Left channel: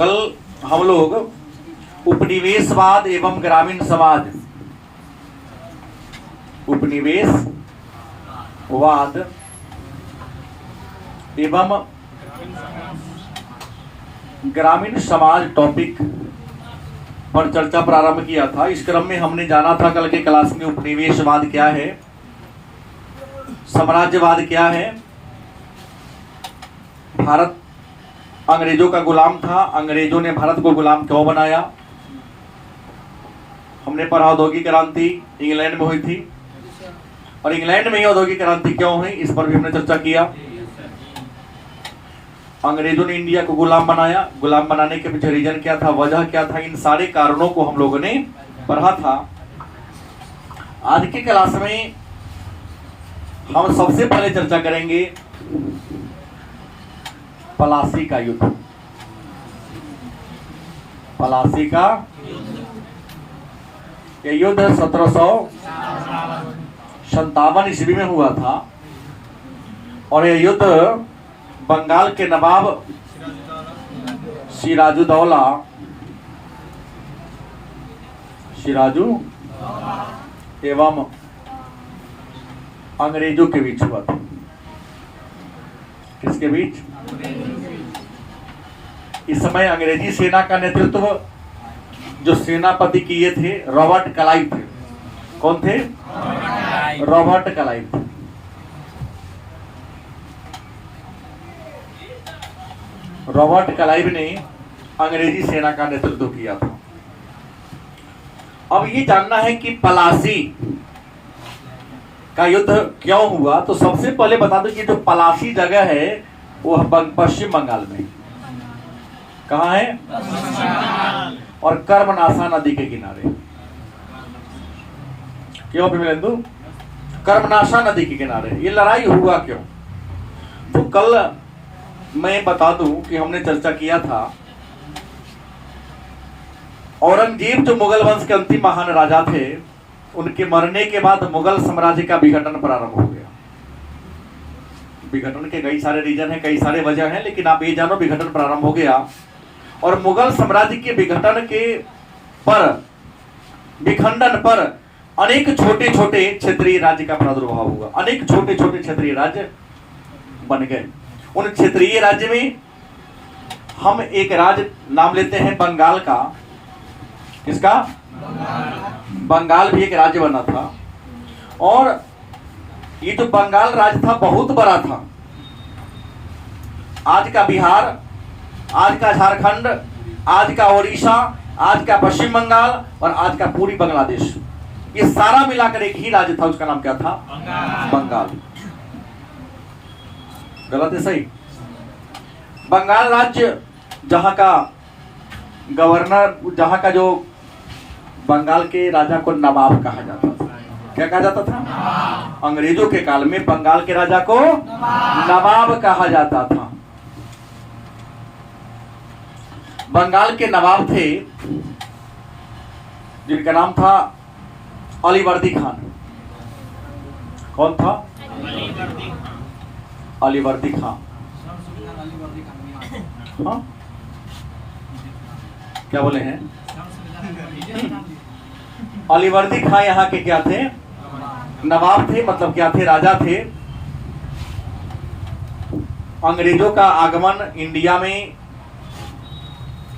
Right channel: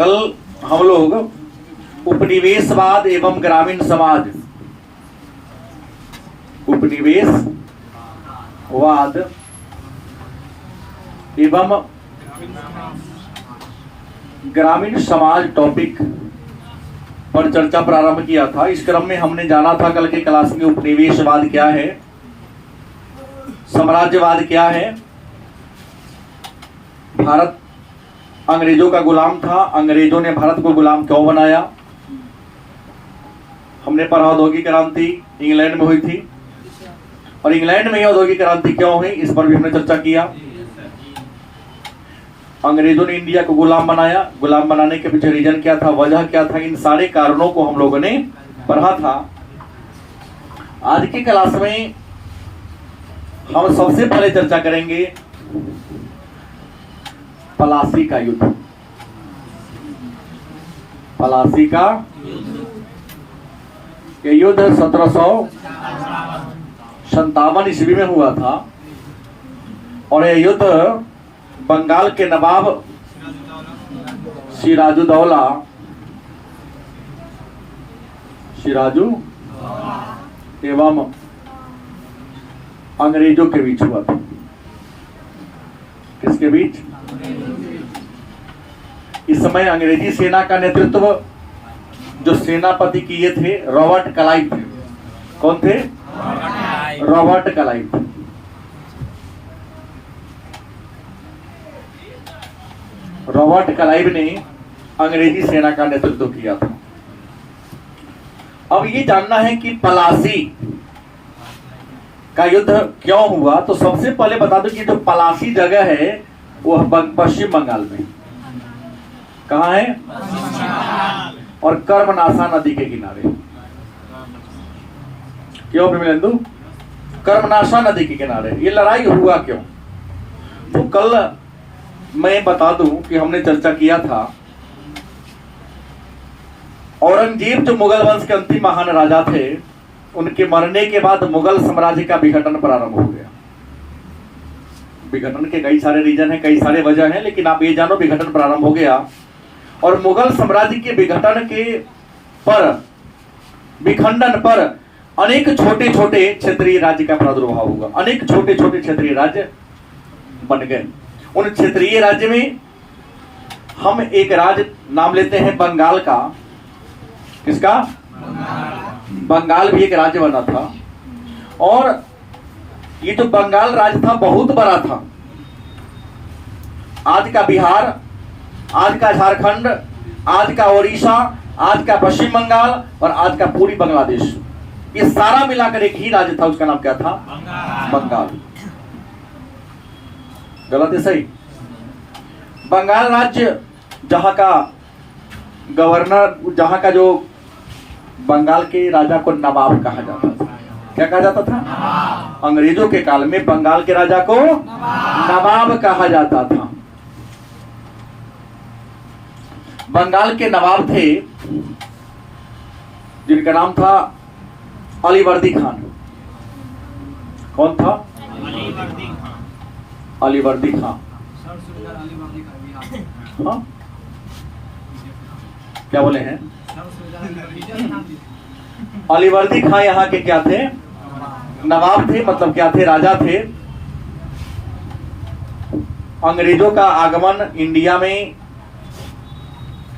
कल हम लोग उपनिवेशवाद एवं ग्रामीण समाज, उपनिवेशवाद एवं ग्रामीण समाज टॉपिक पर चर्चा प्रारंभ किया था। इस क्रम में हमने जाना था कल के क्लास में उपनिवेशवाद क्या है, साम्राज्यवाद क्या है, भारत अंग्रेजों का गुलाम था, अंग्रेजों ने भारत को गुलाम क्यों बनाया। हमने पढ़ा औद्योगिक क्रांति इंग्लैंड में हुई थी और इंग्लैंड में ही औद्योगिक क्रांति क्यों हुई, इस पर भी हमने चर्चा किया। अंग्रेजों ने इंडिया को गुलाम बनाया, गुलाम बनाने के पीछे रीजन क्या था, वजह क्या था, इन सारे कारणों को हम लोगों ने पढ़ा था। आज की क्लास में हम सबसे पहले चर्चा करेंगे पलासी का युद्ध। पलासी का ये युद्ध 1757 ईस्वी में हुआ था और यह युद्ध बंगाल के नवाब सिराजुद्दौला एवं अंग्रेजों के बीच हुआ था। किसके बीच? इस समय अंग्रेजी सेना का नेतृत्व जो सेनापति किए थे रॉबर्ट क्लाइव थे। कौन थे? Robert Clive. रॉबर्ट क्लाइव ने अंग्रेजी सेना का नेतृत्व किया था। अब ये जानना है कि पलासी का युद्ध क्यों हुआ, तो सबसे पहले बता दो कि जो पलासी जगह है वो पश्चिम बंगाल में। कहां है? और कर्मनाशा नदी के किनारे। क्यों प्रेमेंदु? कर्मनाशा नदी के किनारे ये लड़ाई हुआ क्यों? तो कल मैं बता दूं कि हमने चर्चा किया था औरंगजेब जो मुगल वंश के अंतिम महान राजा थे, उनके मरने के बाद मुगल साम्राज्य का विघटन प्रारंभ हो गया। विघटन के कई सारे रीजन हैं, कई सारे वजह हैं, लेकिन आप ये जानो विघटन प्रारंभ हो गया और मुगल साम्राज्य के विघटन के विखंडन पर अनेक छोटे छोटे क्षेत्रीय राज्य का प्रादुर्भाव हुआ। अनेक छोटे छोटे क्षेत्रीय राज्य बन गए। उन क्षेत्रीय राज्य में हम एक राज्य नाम लेते हैं बंगाल का। किसका? बंगाल भी एक राज्य बना था और ये जो बंगाल राज्य था बहुत बड़ा था। आज का बिहार, आज का झारखंड, आज का ओडिशा, आज का पश्चिम बंगाल और आज का पूरी बांग्लादेश, ये सारा मिलाकर एक ही राज्य था। उसका नाम क्या था? बंगाल। गलत है? सही। बंगाल राज्य जहां का गवर्नर, जहां का जो बंगाल के राजा को नवाब कहा जाता था। क्या कहा जाता था? अंग्रेजों के काल में बंगाल के राजा को नवाब कहा जाता था। बंगाल के नवाब थे जिनका नाम था अलीवर्दी खान। कौन था? अलीवर्दी खान। हाँ? क्या बोले हैं? अलीवर्दी खान यहाँ के क्या थे? नवाब थे। मतलब क्या थे? राजा थे। अंग्रेजों का आगमन इंडिया में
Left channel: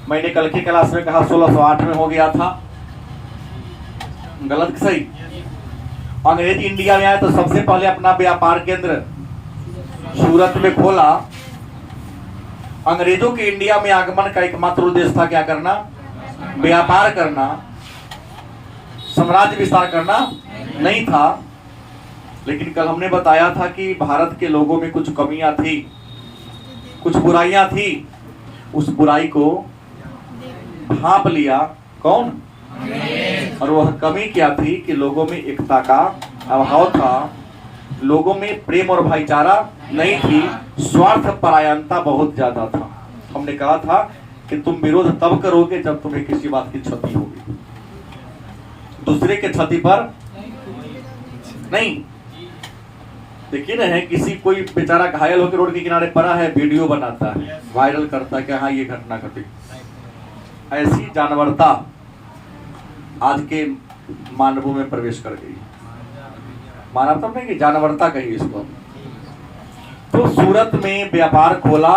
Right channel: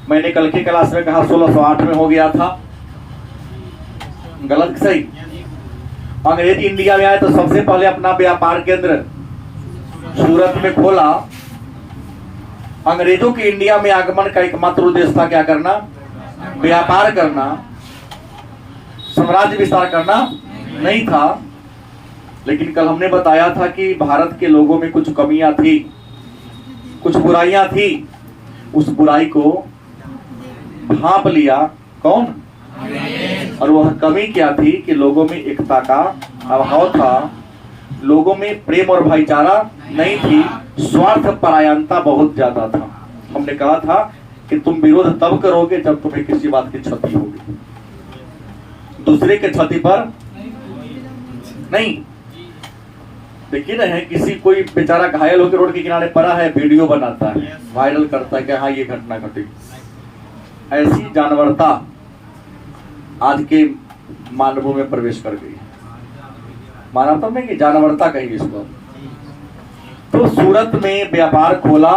मैंने कल की क्लास में कहा 1608 में हो गया था। गलत? सही। अंग्रेज इंडिया में आए तो सबसे पहले अपना व्यापार केंद्र सूरत में खोला। अंग्रेजों के इंडिया में आगमन का एकमात्र उद्देश्य था क्या करना? व्यापार करना, साम्राज्य विस्तार करना नहीं था। लेकिन कल हमने बताया था कि भारत के लोगों में कुछ कमियां थी, कुछ बुराइयां थी। उस बुराई को भांप लिया कौन? और वह कमी क्या थी कि लोगों में एकता का अभाव था, लोगों में प्रेम और भाईचारा नहीं थी, स्वार्थ परायणता बहुत ज्यादा था। हमने कहा था कि तुम विरोध तब करोगे जब तुम्हें किसी बात की क्षति होगी, दूसरे के क्षति पर नहीं। देखिए ना, है किसी कोई बेचारा घायल होकर रोड के किनारे पड़ा है, वीडियो बनाता है, वायरल करता है कि हाँ ये घटना घटी। ऐसी जानवरता आज के मानवों में प्रवेश कर गई। मानवता में कि जानवरता कही इसको। तो सूरत में व्यापार खोला,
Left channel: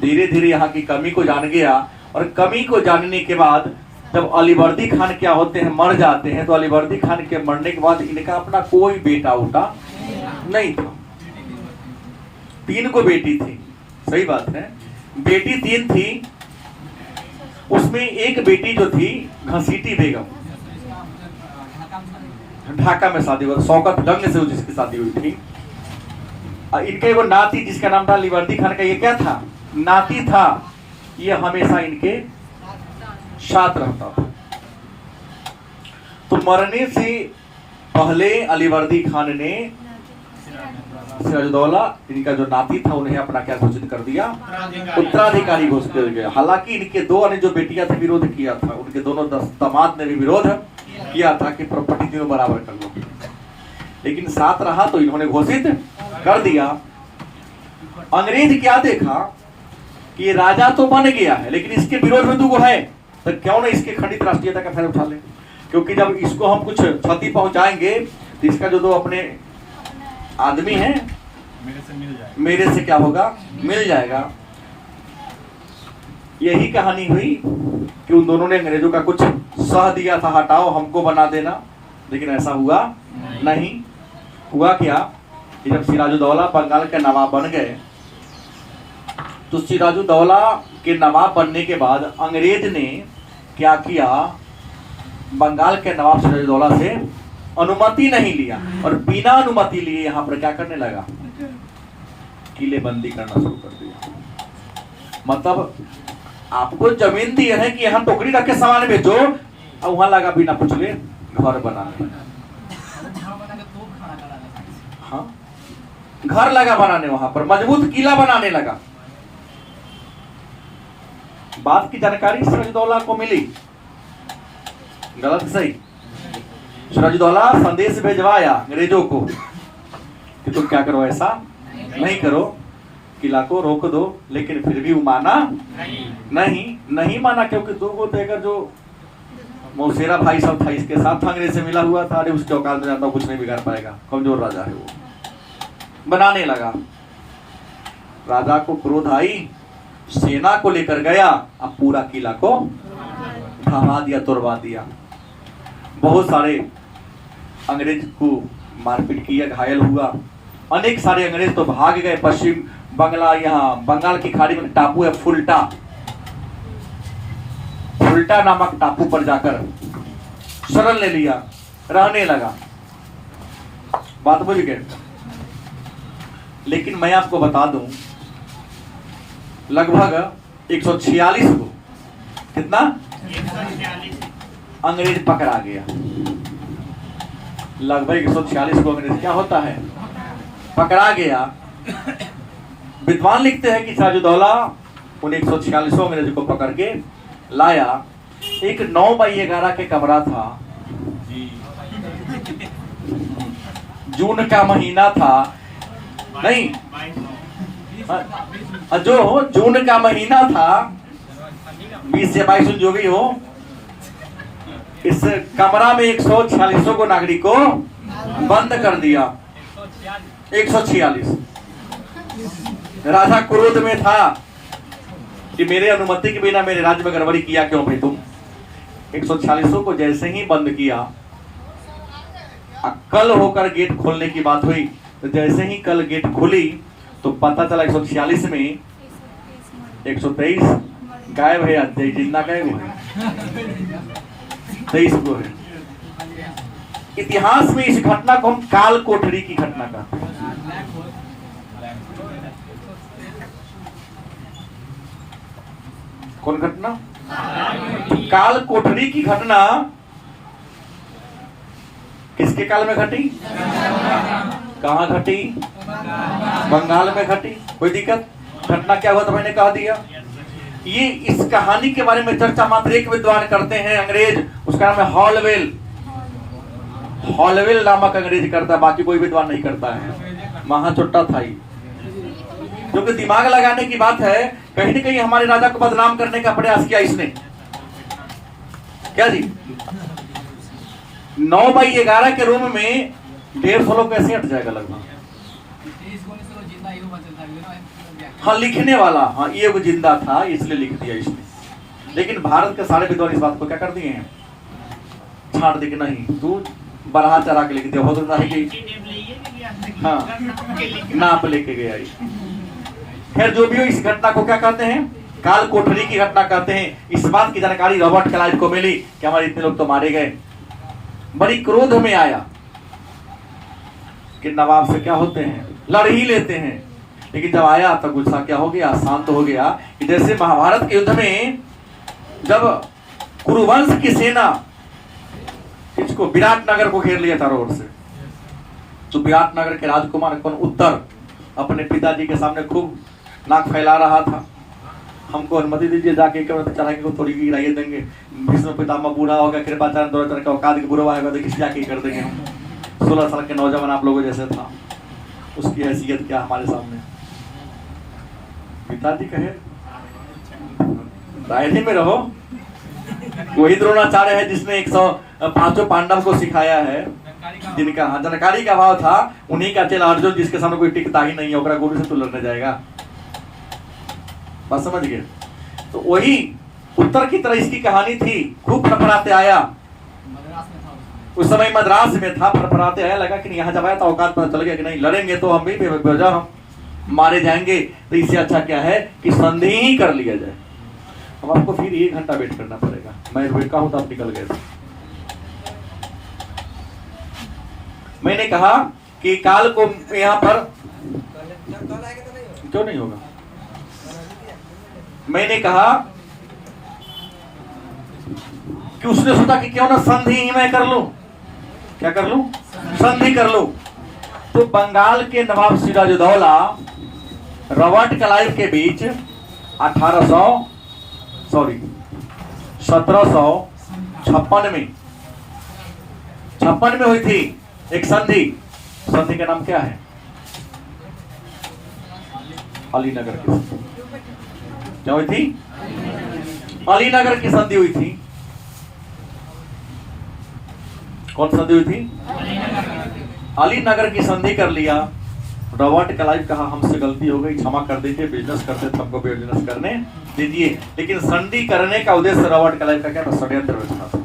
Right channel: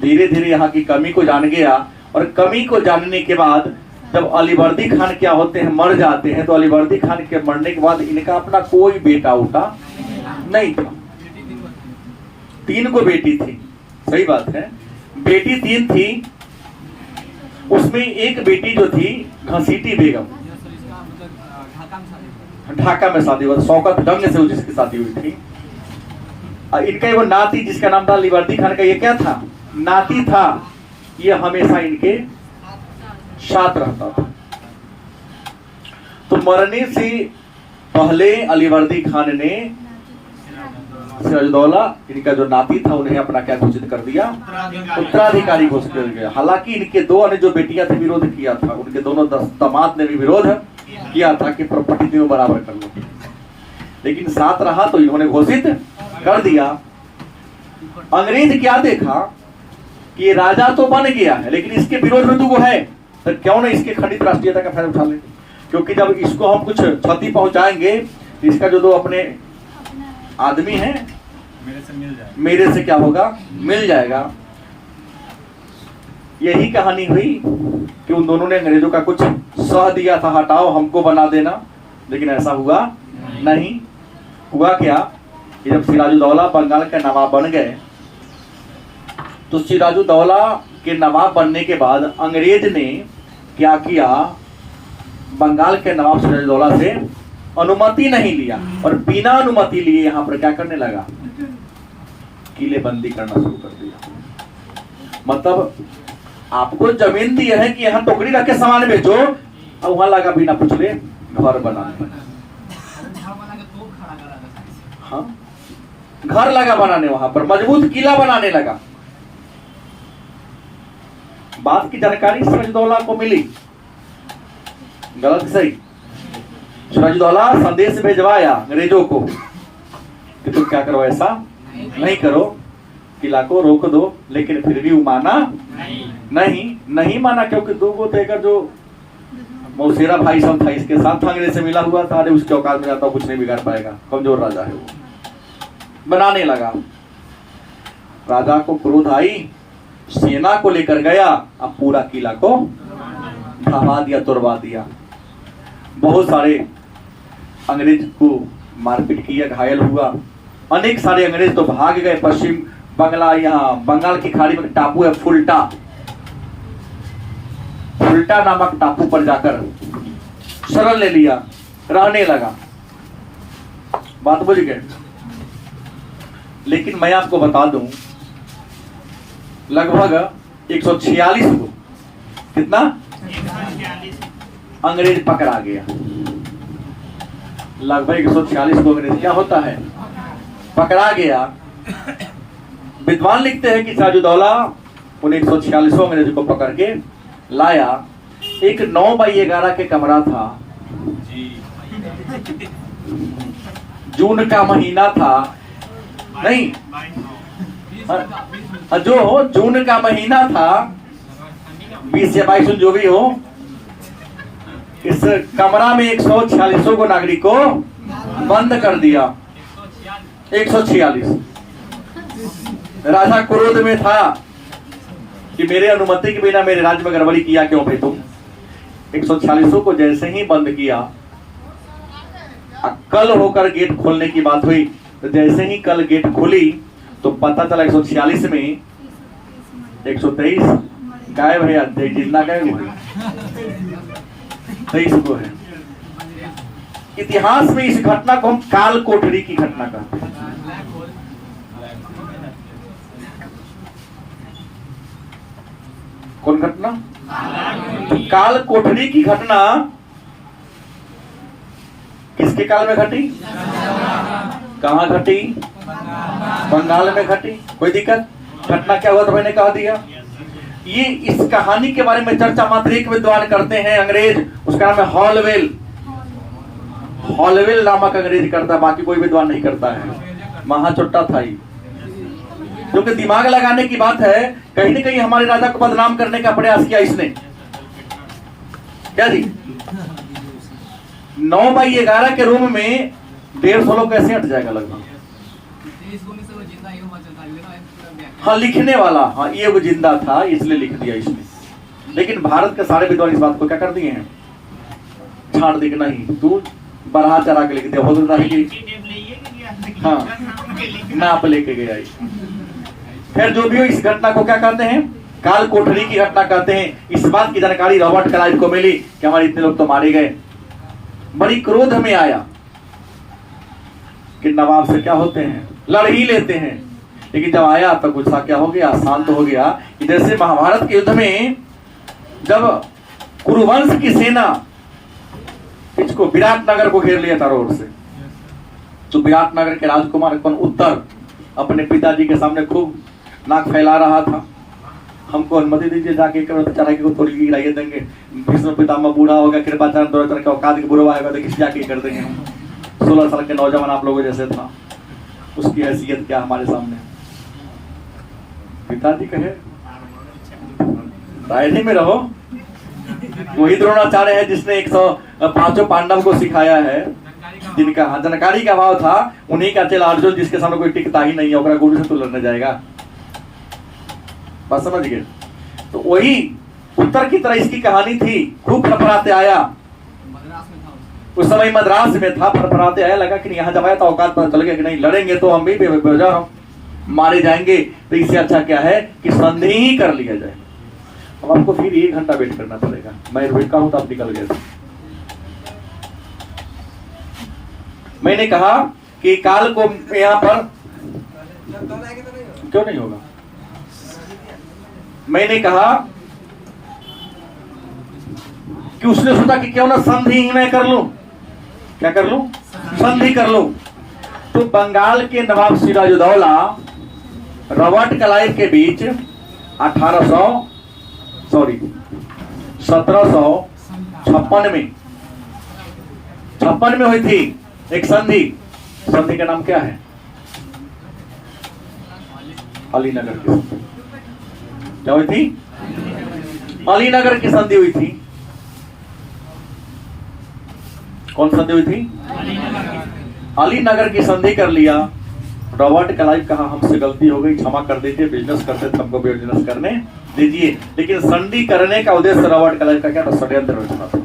धीरे धीरे यहाँ की कमी को जान गया, और कमी को जानने के बाद जब अलीवर्दी खान क्या होते हैं, मर जाते हैं, तो अलीवर्दी खान के मरने के बाद इनका अपना कोई बेटा उठा नहीं था। 3 को बेटी थी, सही बात है, बेटी 3 थी। उसमें एक बेटी जो थी घसीटी बेगम, ढाका में शादी हुआ, शौकत डंग से जिसकी शादी हुई थी। इनका वो नाती जिसका नाम था अलीवर्दी खान का, ये क्या था, नाती था, ये हमेशा इनके साथ रहता था। तो मरने से पहले अलीवर्दी खान ने सिराजुद्दौला, इनका जो नाती था, उन्हें अपना क्या घोषित कर दिया, उत्तराधिकारी घोषित कर दिया। हालांकि इनके 2 अन्य जो बेटियां थी विरोध किया था, उनके दोनों दामाद ने भी विरोध किया था कि प्रॉपर्टी तीनों बराबर कर लो, लेकिन साथ रहा तो इन्होंने घोषित कर दिया। अंग्रेज क्या देखा कि राजा तो बन गया है, लेकिन इसके विरोध में तो है, तो क्यों ना इसके खंडित राष्ट्रीयता का फायदा उठा ले, क्योंकि जब इसको हम कुछ क्षति पहुंचाएंगे तो इसका जो 2 अपने आदमी हैं मेरे से क्या होगा, मिल जाएगा। यही कहानी हुई कि उन दोनों ने अंग्रेजों का कुछ सह दिया था, हटाओ हमको बना देना, लेकिन ऐसा हुआ नहीं। हुआ क्या कि जब सिराजुद्दौला बंगाल के नवाब बन गए, तो सिराजुद्दौला के नवाब बनने के बाद अंग्रेज ने क्या किया, बंगाल के नवाब सिराजुद्दौला से अनुमति नहीं लिया, और बिना अनुमति लिए यहाँ पर क्या करने लगा, किलेबंदी करना शुरू कर दिया। मतलब आपको जमीन दी है कि यहाँ टोकरी रख के सामान बेचो, और वहां लगा बिना पूछले घर बनाने लगा। हाँ, घर लगा बनाने, वहां पर मजबूत किला बनाने लगा। बात की जानकारी सिराजुद्दौला को मिली, गलत सही, सिराजुद्दौला संदेश भेजवाया अंग्रेजों को कि तुम क्या करो, ऐसा नहीं करो, किला को रोक दो, लेकिन फिर भी वो माना नहीं माना, क्योंकि 2 गो देकर जो मौसेरा भाई सब था इसके साथ अंग्रेज से मिला हुआ था, अरे उसके औकात में जाता कुछ नहीं बिगाड़ पाएगा, कमजोर राजा है वो। बनाने लगा, राजा को क्रोध आई, सेना को लेकर गया, अब पूरा किला को ढहा दिया, तोड़वा दिया। बहुत सारे अंग्रेज को मारपीट किया, घायल हुआ। अनेक सारे अंग्रेज तो भाग गए पश्चिम बंगला, यहाँ बंगाल की खाड़ी में टापू है फुल्टा नामक टापू पर जाकर शरण ले लिया, रहने लगा। बात बुझ गए। लेकिन मैं आपको बता दूं, लगभग 146 को, कितना, अंग्रेज पकड़ा गया। लगभग 146 को अंग्रेज क्या होता है, पकड़ा गया। विद्वान लिखते हैं कि सिराजुद्दौला उन 146 अंग्रेजों को पकड़ के लाया। एक 9x11 के कमरा था, जून का महीना था, नहीं जो जून का महीना था, 20 या 22 जो भी हो, इस कमरा में 146 को नागरिकों बंद कर दिया। 146। राजा क्रोध में था कि मेरे अनुमति के बिना मेरे राज्य में गड़बड़ी किया क्यों भाई तुम। 146 को जैसे ही बंद किया, कल होकर गेट खोलने की बात हुई, तो जैसे ही कल गेट खुली तो पता चला 146 में 123 गायब है, जिंदा गायब है, 23 को है। इतिहास में इस घटना को हम काल कोठरी की घटना कहते हैं। कौन घटना? काल कोठरी की घटना किसके काल में घटी? कहां घटी? बंगाल में घटी। कोई दिक्कत? घटना क्या हुआ था मैंने कहा दिया। ये इस कहानी के बारे में चर्चा मात्र एक विद्वान करते हैं अंग्रेज, उसका नाम है हॉलवेल। हॉलवेल नामक अंग्रेज करता है, बाकी कोई विद्वान नहीं करता है। महाचोट्टा था ही, क्योंकि दिमाग लगाने की बात है। कहीं न कहीं हमारे राजा को बदनाम करने का प्रयास किया इसने। क्या जी 9x11 के रूम में 150 लोग कैसे हट जाएगा लगभग। हाँ लिखने वाला, हाँ ये वो जिंदा था इसलिए लिख दिया इसने। लेकिन भारत के सारे विद्वान इस बात को क्या कर दिए हैं, छाड़ दी कि नहीं तू बरहा चरा के लिख दिया। हो सकता है कि हाँ नाप लेके गया। खैर जो भी हो, इस घटना को क्या कहते हैं, काल कोठरी की घटना कहते हैं। इस बात की जानकारी रॉबर्ट क्लाइव को मिली कि हमारे इतने लोग तो मारे गए। बड़ी क्रोध में आया कि नवाब से क्या होते हैं, लड़ ही लेते हैं। लेकिन जब आया तो गुस्सा क्या हो गया, शांत हो गया। कि जैसे महाभारत के युद्ध में जब कुरुवंश की सेना इसको विराटनगर को घेर लिया था रोड से, तो विराटनगर के राजकुमार उत्तर अपने पिताजी के सामने खूब नाक फैला रहा था, हमको अनुमति दीजिए जाके चढ़ा को थोड़ी गिराइए देंगे। भीष्म पितामह बूढ़ा होगा, कृपाचार्य द्रोणाचार्य का औकात बुरा होगा, तो किस जाके कर देंगे हम। 16 साल के नौजवान आप लोगों जैसे था, उसकी हैसियत क्या हमारे सामने। पिताजी कहे रायनी में रहो। वही द्रोणाचार्य है जिसने 105 पांडव को सिखाया है, जिनका जानकारी का भाव था। उन्हीं का चेला अर्जुन, जिसके सामने कोई टिकता ही नहीं है, ओकरा गुरु से तो लड़ने जाएगा। बात समझ गए। तो वही उत्तर की तरह इसकी कहानी थी। खूब फरफराते आया, उस समय मद्रास में था। फरफराते आया, लगा कि यहाँ जब आया तो औकात पता चल गया कि नहीं लड़ेंगे तो हम भी बेवजह हम मारे जाएंगे। तो इससे अच्छा क्या है कि संधि ही कर लिया जाए। अब आपको फिर 1 घंटा वेट करना पड़ेगा। मैं रुका हूं तो आप निकल गए। मैंने कहा कि काल को यहाँ पर क्यों नहीं होगा। मैंने कहा कि उसने सोचा कि क्यों ना संधि ही मैं कर लूं। क्या कर लूं, संधि कर लूं। तो बंगाल के नवाब सिराजुद्दौला रॉबर्ट क्लाइव के बीच 1756 में हुई थी एक संधि। संधि का नाम क्या है, अलीनगर की। क्या हुई थी, अलीनगर की संधि हुई थी। कौन संधि हुई थी, अलीनगर की संधि कर लिया। रॉबर्ट क्लाइव कहा हमसे गलती हो गई, क्षमा कर दीजिए, बिजनेस करते थे, हमको बिजनेस करने दीजिए। लेकिन संधि करने का उद्देश्य रॉबर्ट क्लाइव का क्या था, षड्यंत्र रचना था।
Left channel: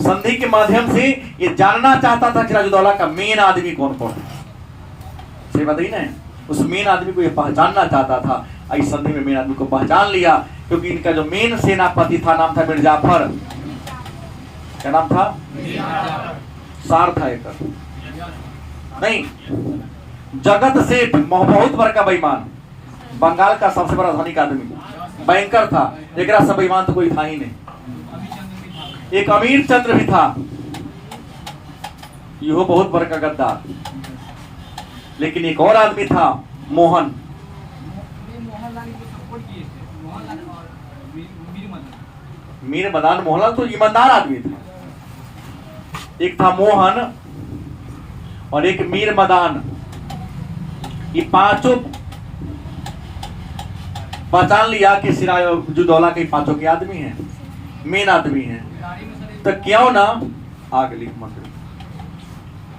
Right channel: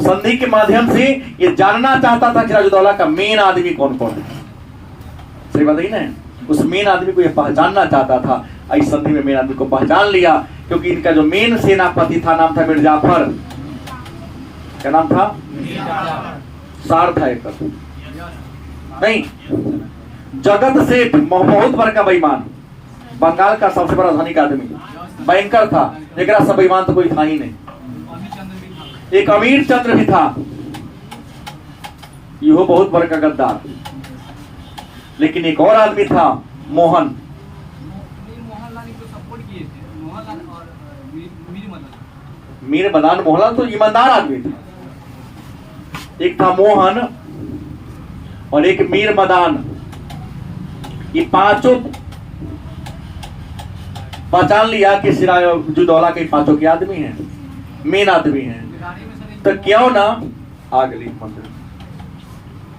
संधि के माध्यम से ये जानना चाहता था कि सिराजुद्दौला का मेन आदमी कौन कौन है। सही बात है ना, उस मेन आदमी को ये पहचानना चाहता था। इस संधि में मेन आदमी को पहचान लिया, क्योंकि इनका जो मेन सेनापति था नाम था मिर्जाफर। क्या नाम था, सार था एक नहीं, जगत सेठ, बहुत बड़ा बेईमान, बंगाल का सबसे बड़ा धनिक आदमी, बैंकर था। एक सब बेईमान तो कोई था ही नहीं। एक अमीर चंद्र भी था, यह बहुत बड़ा का गद्दार। लेकिन एक और आदमी था मोहन। मीर मदान मोहनलाल तो ईमानदार आदमी था। एक था मोहन और एक मीर मदान। ये पांचों पहचान लिया कि सिराजुद्दौला के पांचों के आदमी हैं, मेन आदमी हैं। तो क्यों ना आगे मंदिर,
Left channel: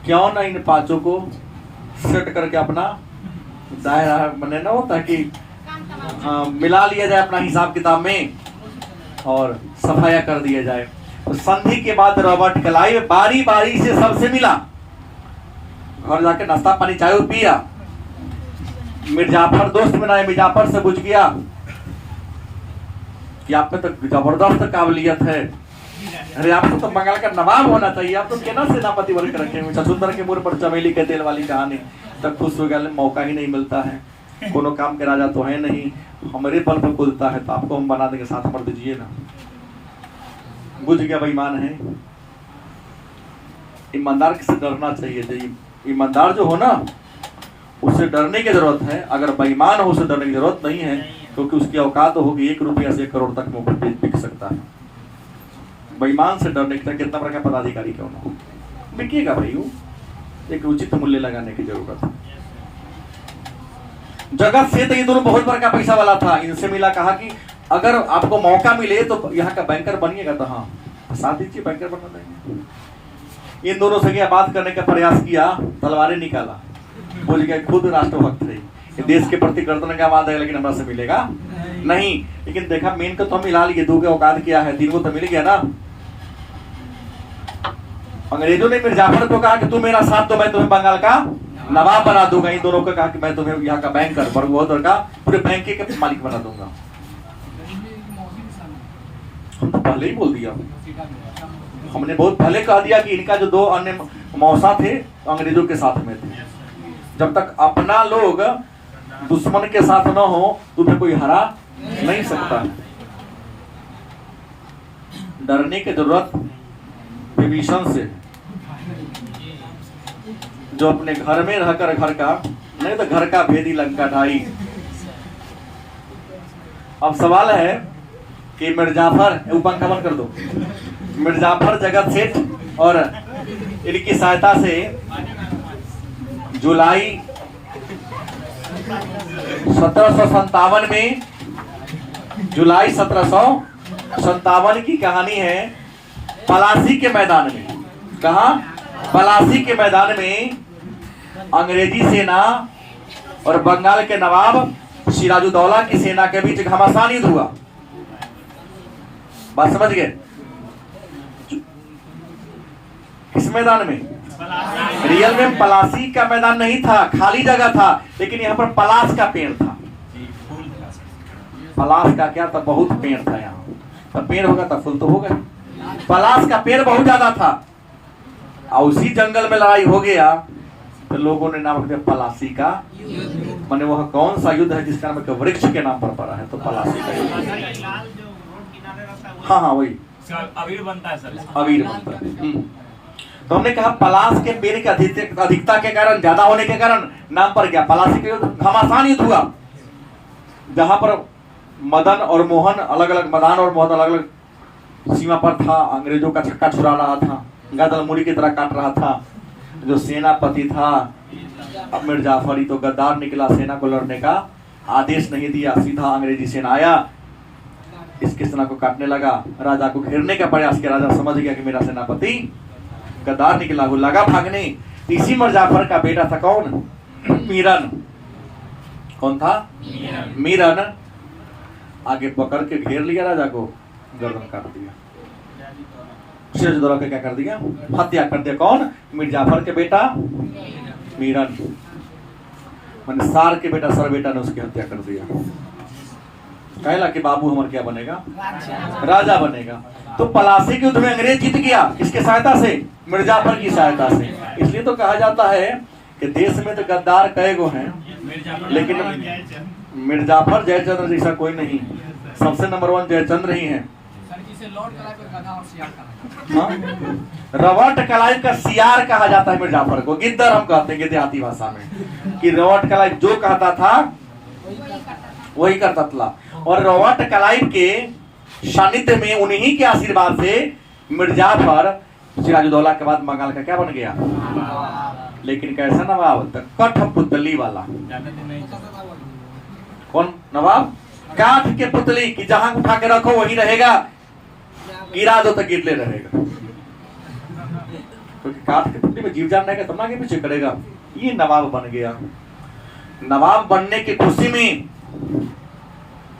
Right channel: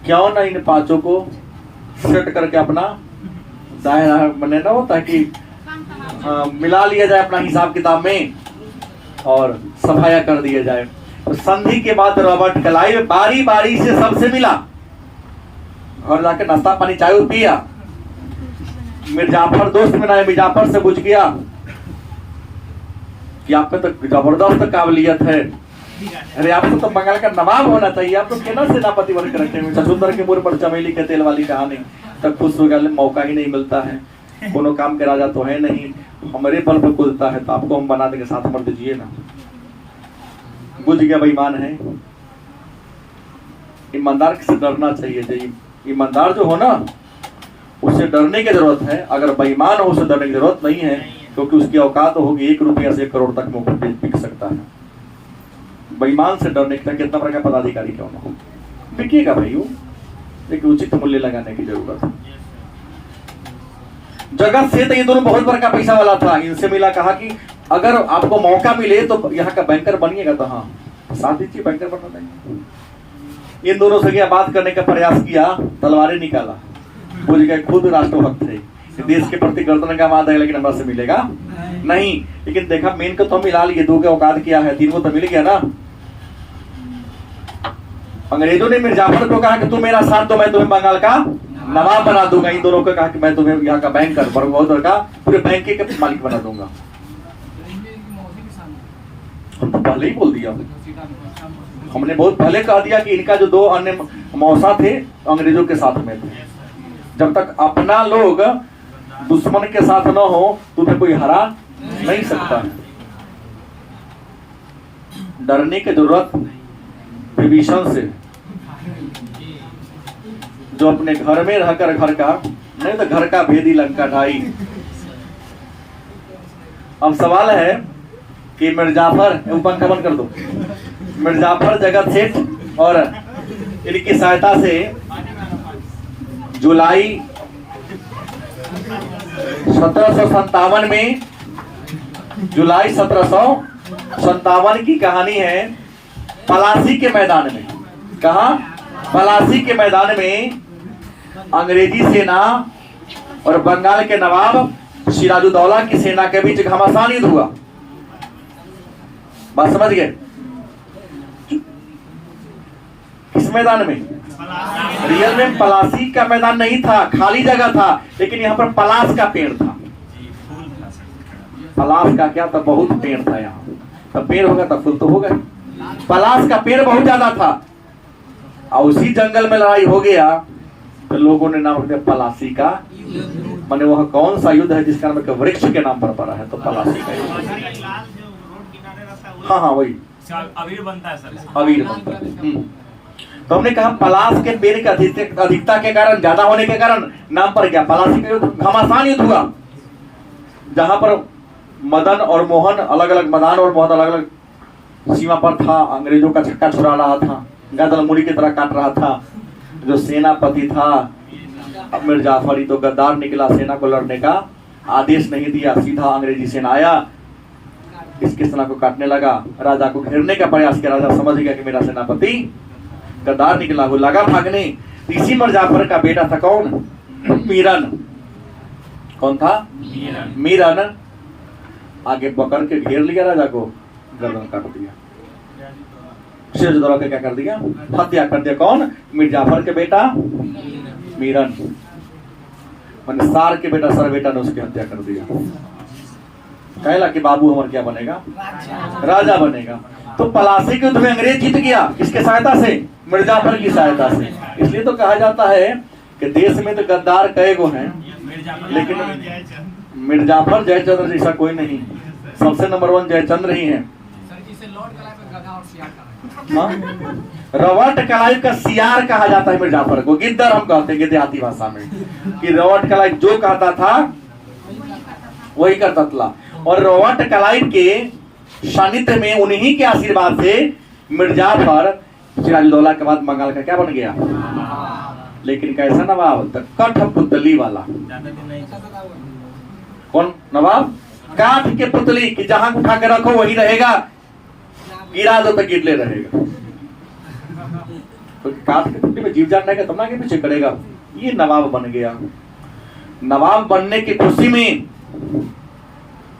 क्यों ना इन पांचों को सेट करके अपना दायरा बने ना होता है कि मिला लिया जाए अपना हिसाब किताब में और सफाया कर दिया जाए। और संधि के बाद रॉबर्ट क्लाइव बारी बारी से सबसे मिला, घर जाकर नाश्ता पानी चाय पिया। मिर्जाफर दोस्त में ना, मिर्जाफर से पूछ गया कि आप में तो जबरदस्त काबिलियत है, अरे आपको तो बंगाल का नवाब होना चाहिए, आप तो केना सेनापति वर्ग रखे हुए। ससुंदर के मुंह पर चमेली के तेल वाली कहानी। तब खुश हो गया, मौका ही नहीं मिलता है, कोनो काम के राजा तो है नहीं, हमारे बल पर कुलता है, तो आपको हम बना देंगे, साथ मर दीजिए ना। बुझ गया बेईमान है। ईमानदार से डरना चाहिए। ईमानदार जो हो ना, उससे डरने की जरूरत है। अगर बेईमान हो, उसे डरने की जरूरत नहीं है, क्योंकि उसकी औकात होगी 1 रुपया से 1 करोड़ तक में बिक सकता है। बेईमान से डरने के लिए कितना बड़ा पदाधिकारी क्यों ना हो, बिकेगा भाई। वो एक उचित मूल्य लगाने की जरूरत है। जगत से तो ये दोनों बहुत बड़ा पैसा वाला था। इनसे मिला, कहा कि अगर आपको मौका मिले तो यहाँ का बैंकर बनिएगा। तो हाँ, साथ दीजिए, बैंकर बना देंगे। इन दोनों से क्या बात करने का प्रयास किया, तलवारें निकाला, बोल गए खुद राष्ट्रभक्त है, देश के प्रति गर्दन का वादा है, लेकिन हमारा से मिलेगा नहीं। लेकिन देखा मेन को तो मिला लिए, दो के औकात क्या है, तीन को तो मिल गया ना। अंग्रेजों ने मिर्जाफर को कहा कि तू मेरा साथ दो, मैं तुम्हें बंगाल का नवाब बना दूंगा। इन दोनों को कहा कि मैं तुम्हें यहाँ का बैंकर, बड़ौदा का पूरे बैंक के मालिक बना दूंगा। हम तो पहले ही बोल दिया, हमने बहुत पहले कह दिया कि इनका जो दो अन्य मौसा थे अंग्रेजों के साथ में थे। जब तक अपना लोग दुश्मन के साथ न हो तुम्हें कोई हरा नहीं सकता। डरने की जरूरत विभीषण से, जो अपने घर में रहकर घर का नहीं तो घर का भेदी लंका ढाई। अब सवाल है कि मिर्जाफर, पंखा बंद कर दो, मिर्जाफर जगत सेठ और इनकी सहायता से जुलाई 1757 में, जुलाई 1757 की कहानी है। पलासी के मैदान में, कहा पलासी के मैदान में अंग्रेजी सेना और बंगाल के नवाब सिराजुद्दौला की सेना के बीच घमासान युद्ध हुआ। बात समझ गए? किस मैदान में? रियल में पलासी का मैदान नहीं था, खाली जगह था, लेकिन यहाँ पर पलास का पेड़ था। पलास का क्या था? बहुत पेड़ था यहाँ। तो पेड़ होगा तो फूल तो होगा। पलास का पेड़ बहुत ज्यादा था और उसी जंगल में लड़ाई हो गया, तो लोगों ने नाम रखा पलासी का। माने वह कौन सा युद्ध है जिसका नाम वृक्ष के नाम पर पड़ा है, तो पलासी का युद्ध। हाँ हाँ वही अबीर बनता है सर, अबीर बनता है। तो हमने कहा पलास के पेड़ की अधिकता के कारण, ज्यादा होने के कारण नाम पर क्या पलासी का युद्ध, घमासान युद्ध हुआ। जहां पर मदन और मोहन अलग अलग, मदान और मोहन अलग अलग सीमा पर था, अंग्रेजों का छक्का छुड़ा रहा था, गदल मुड़ी की तरह काट रहा था। जो सेनापति था अब मिर्जाफर ही तो गद्दार निकला, सेना को लड़ने का आदेश नहीं दिया, सीधा अंग्रेजी सेना आया, इसकी सेना को काटने लगा, राजा को घेरने का प्रयास किया। राजा समझ गया कि मेरा सेनापति गद्दार निकला, वो लगा भागने। इसी मिर्जाफर का बेटा था कौन? मीरन। कौन था? मीरन। आगे पकड़ के घेर लिया राजा को, गर्दन काट दिया। सिराजुद्दौला के क्या कर दिया? हत्या कर दिया। कौन? मिर्जाफर के बेटा मीरन, मैंने सार के बेटा सर बेटा ने उसकी हत्या कर दिया। कहला कि बाबू हमारा क्या बनेगा? राजा बनेगा। तो पलासी के युद्ध में अंग्रेज जीत गया, किसके सहायता से? मिर्जाफर की सहायता से। इसलिए तो कहा जाता है कि देश में तो गद्दार कई गो हैं, लेकिन मिर्जाफर जयचंद्र जैसा कोई नहीं। सबसे नंबर 1 जयचंद्र ही है। रवट कलाई का सियार कहा जाता है मिर्जाफर को, गिद्दर हम कहते हैं देहाती भाषा में, कि रवट कलाई जो कहता था वही करता था। और रवट कलाई के सानिध्य में, उन्हीं के आशीर्वाद से मिर्जाफर सिराजुद्दौला के बाद बंगाल का क्या बन गया? लेकिन कैसा नवाब? कठपुतली वाला। कौन नवाब? काठ के पुतली, कि जहां उठा के रखो वही रहेगा, गिरा दो तो गिरले रहेगा। तो काठ के पुतली में जीव जान रहेगा तब ना आगे पीछे करेगा। ये नवाब बन गया। नवाब बनने की खुशी में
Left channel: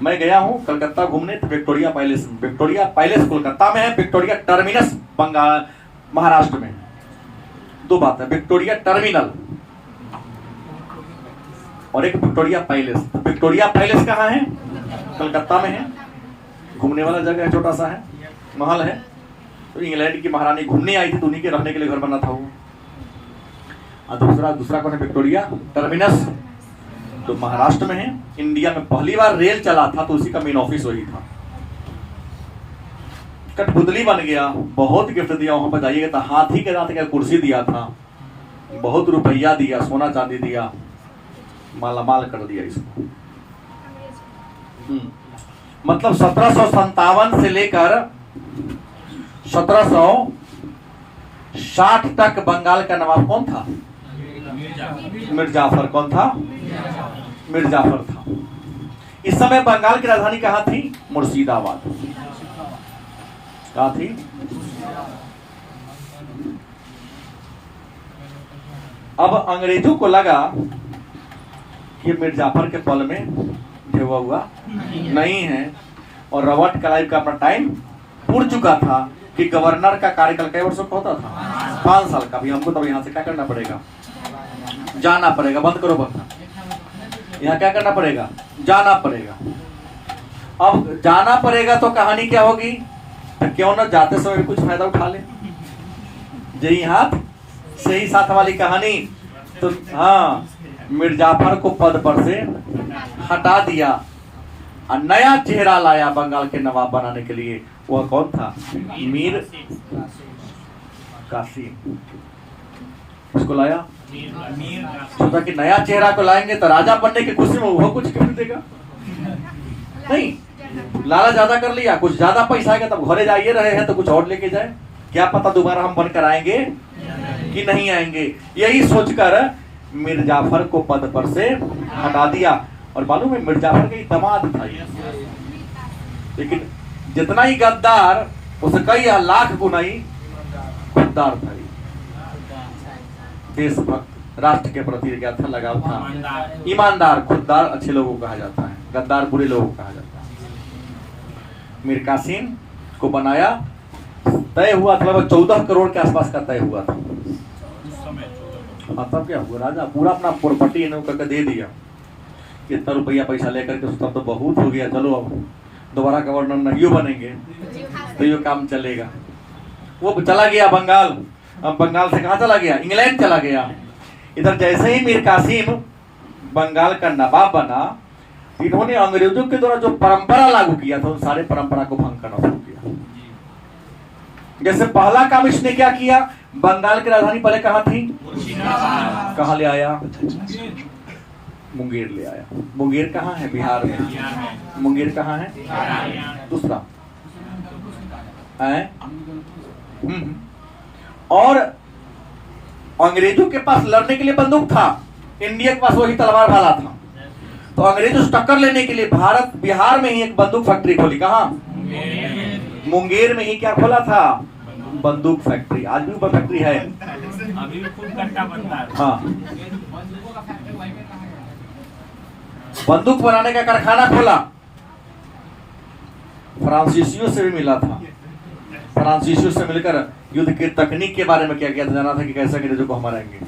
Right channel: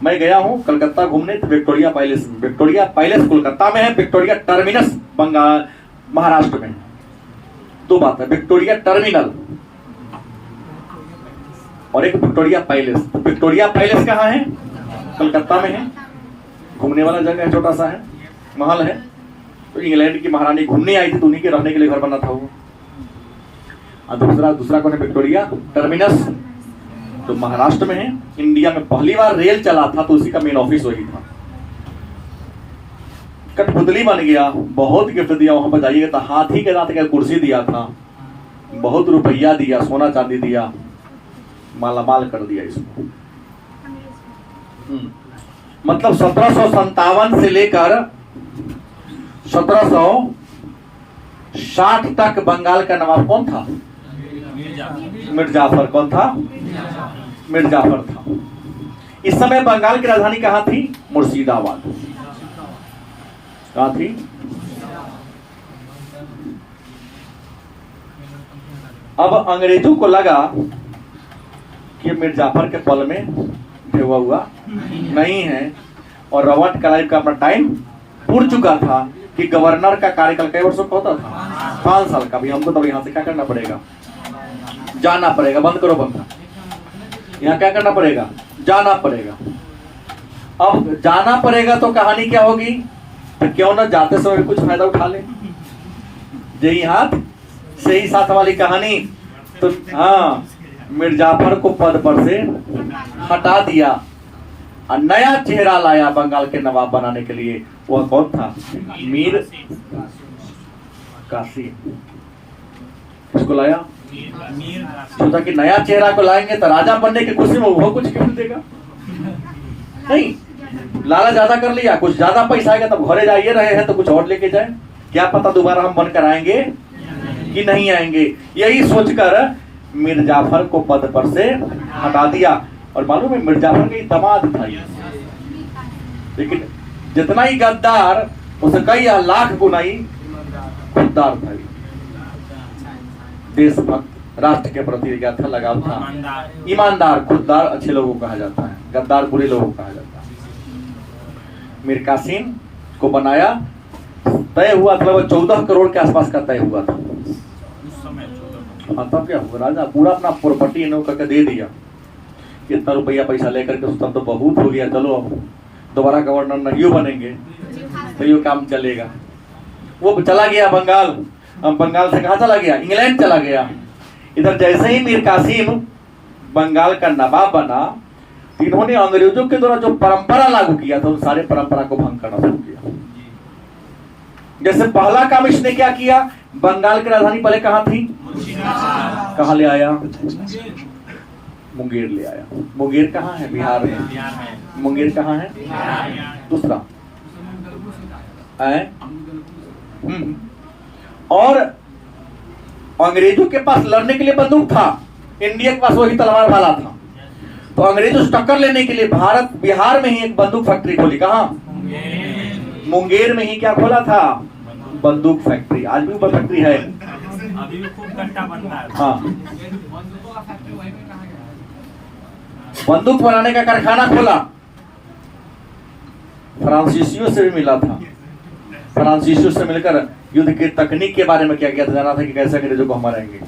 मैं गया हूं कलकत्ता घूमने, तो Victoria palace, Victoria palace Kolkata में है, विक्टोरिया टर्मिनस बंगाल महाराष्ट्र में। दो बात है, विक्टोरिया टर्मिनल और एक विक्टोरिया पैलेस। तो विक्टोरिया पैलेस कहाँ है? कलकत्ता में है, घूमने वाला जगह है, छोटा सा है, महल है। तो इंग्लैंड की महारानी घूमने आई थी, तो उन्हीं के रहने के लिए घर बना था वो। और दूसरा कौन है? विक्टोरिया टर्मिनस, तो महाराष्ट्र में है। इंडिया में पहली बार रेल चला था, तो उसी का मेन ऑफिस वही था। कठपुतली बन गया, बहुत गिफ्ट दिया। वहां पर जाइएगा तो हाथी के दांत का कुर्सी दिया था, बहुत रुपया दिया, सोना चांदी दिया, मालामाल कर दिया इसको। मतलब 1757 से लेकर 1760 तक बंगाल का नवाब कौन था? मिर्जाफर। कौन था? मिर्जाफर था। इस समय बंगाल की राजधानी कहाँ थी? मुर्शिदाबाद। कहाँ थी? अब अंग्रेजों को लगा कि मिर्जाफर के पल में भेवा हुआ नहीं है और रॉबर्ट क्लाइव का अपना टाइम पूर्ण चुका था कि गवर्नर का कार्यकाल कई वर्षों का होता था? 5 साल का। भी हमको तब यहाँ से क्या करना पड़ेगा? जाना पड़ेगा। बंद करो पंखा। यहाँ क्या करना पड़ेगा? जाना पड़ेगा। अब जाना पड़ेगा तो कहानी क्या होगी? तो क्यों ना जाते समय कुछ फायदा उठा ले। यही हाथ से ही साथ वाली कहानी। तो हाँ, मिर्जाफर को पद पर से हटा दिया और नया चेहरा लाया बंगाल के नवाब बनाने के लिए। वह कौन था? मीर कासिम। किसको लाया? सोचा कि नया चेहरा को लाएंगे तो राजा बनने की खुशी में वो कुछ गिफ्ट देगा। नहीं, लाला ज्यादा कर लिया, कुछ ज्यादा पैसा आएगा तब घरे जाइए रहे हैं तो कुछ और लेके जाए। क्या पता दोबारा हम बनकर आएंगे कि नहीं आएंगे। यही सोचकर मिर्जाफर को पद पर से हटा दिया। और मालूम है मिर्जाफर के दामाद था, लेकिन जितना ही गद्दार उसे कई लाख गुना ही खुददार था। देशभक्त, राष्ट्र के प्रति क्या था? लगाव था। ईमानदार। खुददार अच्छे लोगों को कहा जाता है, गद्दार बुरे लोगों को कहा जाता है। मीर कासिम को बनाया। तय हुआ था 14 करोड़ के आसपास का तय हुआ था। तब क्या हुआ? राजा पूरा अपना प्रॉपर्टी इन्हों करके दे दिया। इतना रुपया पैसा लेकर के तब तो बहुत हो गया, चलो अब दोबारा गवर्नर नहीं बनेंगे तो ये काम चलेगा। वो चला गया बंगाल। अब बंगाल से कहाँ चला गया? इंग्लैंड चला गया। इधर जैसे ही मीर कासिम बंगाल का नवाब बना, इन्होंने अंग्रेजों के द्वारा जो परंपरा लागू किया था उन सारे परंपरा को भंग करना शुरू किया। जैसे पहला काम इसने क्या किया? बंगाल की राजधानी पहले कहाँ थी? कहाँ ले आया? मुंगेर ले आया। मुंगेर कहाँ है? बिहार में। मुंगेर कहाँ है? दूसरा है। और अंग्रेजों के पास लड़ने के लिए बंदूक था, इंडिया के पास वही तलवार वाला था। तो अंग्रेजों से टक्कर लेने के लिए बिहार में ही एक बंदूक फैक्ट्री खोली। कहाँ? मुंगेर में ही क्या खोला था? बंदूक फैक्ट्री। आज भी वो फैक्ट्री है, अभी भी खूब कट्टा बनता है। हाँ, बंदूक बनाने का कारखाना खोला। फ्रांसीसियों से भी मिला था। फ्रांसीसियों से मिलकर युद्ध की तकनीक के बारे में क्या किया था? जाना था कि कैसे अंग्रेजों को हम मारेंगे।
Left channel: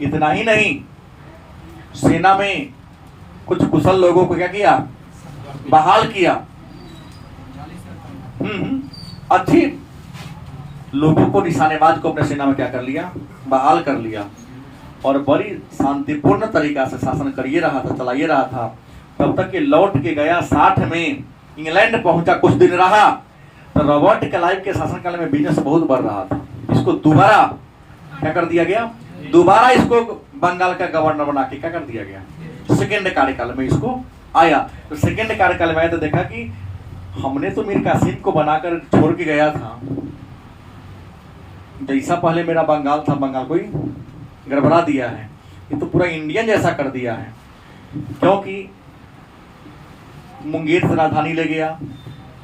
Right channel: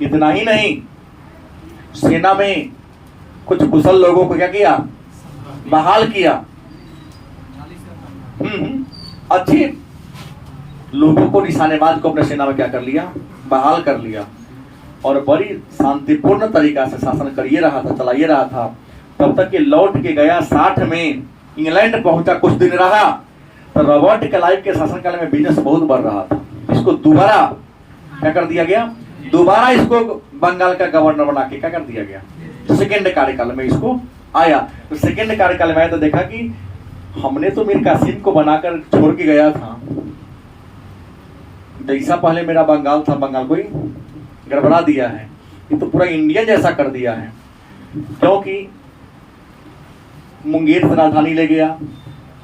इतना ही नहीं, सेना में कुछ कुशल लोगों को क्या किया? बहाल किया। अच्छे लोगों को, निशानेबाज को अपने सेना में क्या कर लिया? बहाल कर लिया। और बड़ी शांतिपूर्ण तरीका से शासन करिए रहा था, चलाइए रहा था। तब तक ये लौट के गया 60 में इंग्लैंड पहुंचा, कुछ दिन रहा। तो रॉबर्ट क्लाइव के शासनकाल में बिजनेस बहुत बढ़ रहा था। इसको दोबारा क्या कर दिया गया? दोबारा इसको बंगाल का गवर्नर बना के क्या कर दिया गया? सेकेंड कार्यकाल में इसको आया। तो सेकेंड कार्यकाल में आया तो देखा कि हमने तो मीर कासिम को बनाकर छोड़ के गया था, जैसा पहले मेरा बंगाल था, बंगाल को ही गड़बड़ा दिया है। ये तो पूरा इंडिया जैसा कर दिया है। क्योंकि मुंगेर से राजधानी ले गया,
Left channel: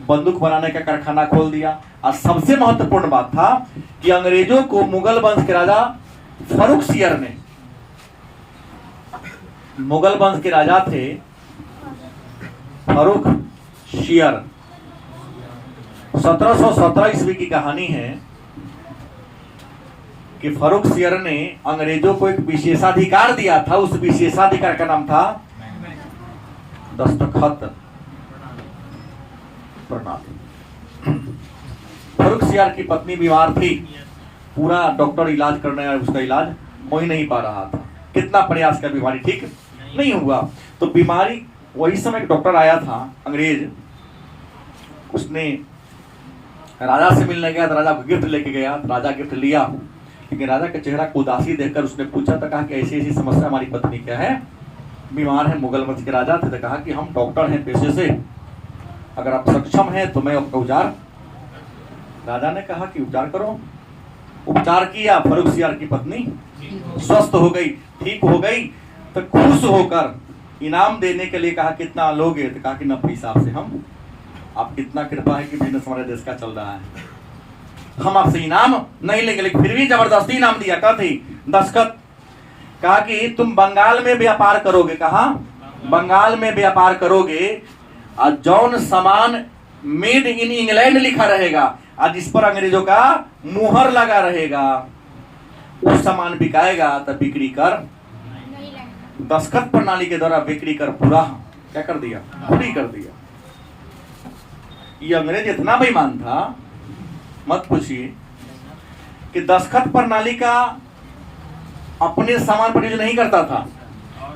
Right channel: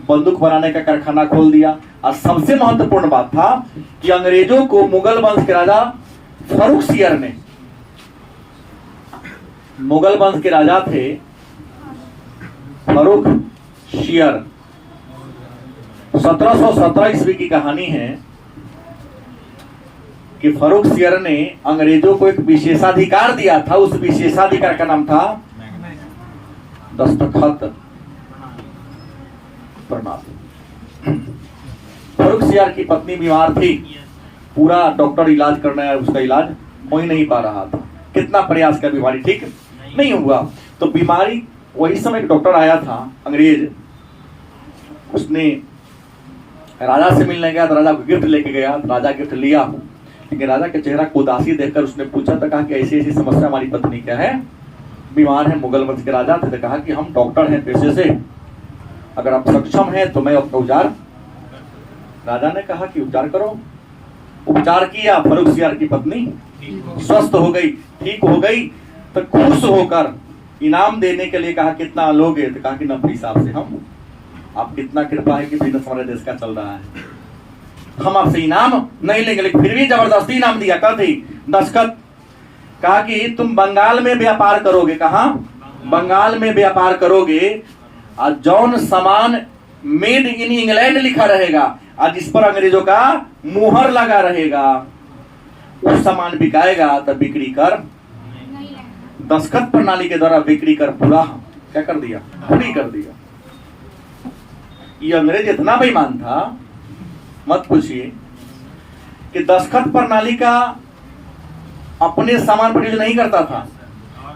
बंदूक बनाने का कारखाना खोल दिया। और सबसे महत्वपूर्ण बात था कि अंग्रेजों को मुगल वंश के राजा फर्रुख सियर ने, मुगल वंश के राजा थे फर्रुख सियर। 1717 ईस्वी की कहानी है कि फर्रुख सियर ने अंग्रेजों को एक विशेषाधिकार दिया था। उस विशेषाधिकार का नाम था दस्तखत प्रणाली। फर्रुख सियर की पत्नी बीमार थी, पूरा डॉक्टर इलाज करना है, उसका इलाज हो ही नहीं पा रहा था। कितना प्रयास किया, बीमारी ठीक नहीं हुआ। तो बीमारी, वही समय एक डॉक्टर आया था अंग्रेज, उसने राजा से मिलने गया तो राजा को गिफ्ट लेके गया। राजा गिफ्ट लिया, लेकिन राजा के चेहरा को उदासी देखकर उसने पूछा था, कहा कि ऐसी ऐसी समस्या हमारी पत्नी क्या है, बीमार है। मुगल वंश के राजा थे, तो कहा कि हम डॉक्टर हैं पेशे से, अगर आप सक्षम हैं तो मैं आपका उपचार। राजा ने कहा कि उपचार करो। उपचार किया, फर्रुख सियर की पत्नी स्वस्थ हो गई, ठीक हो गई। तो खुश होकर इनाम देने के लिए कहा कितना लोगे? तो कहा कि 90 हिसाब से हम, आप कितना कृपा है कि बिजनेस हमारे देश का चल रहा है। हम आपसे इनाम नहीं लेंगे, लेकिन फिर भी जबरदस्ती इनाम दिया। कहा थी दस्तखत, कहा कि तुम बंगाल में व्यापार करोगे। कहा बंगाल में व्यापार करोगे, और जौन सामान मेड इन इंग्लैंड लिखा रहेगा और जिस पर अंग्रेजों का मुहर लगा रहेगा, उस सामान बिकाएगा। तब बिक्री कर दस्तखत प्रणाली के द्वारा बिक्री कर पूरा क्या कर दिया, फ्री कर दिया। ये अंग्रेज इतना बेईमान था, मत पूछिए, कि दस्तखत प्रणाली का अपने सामान पर यूज नहीं करता था,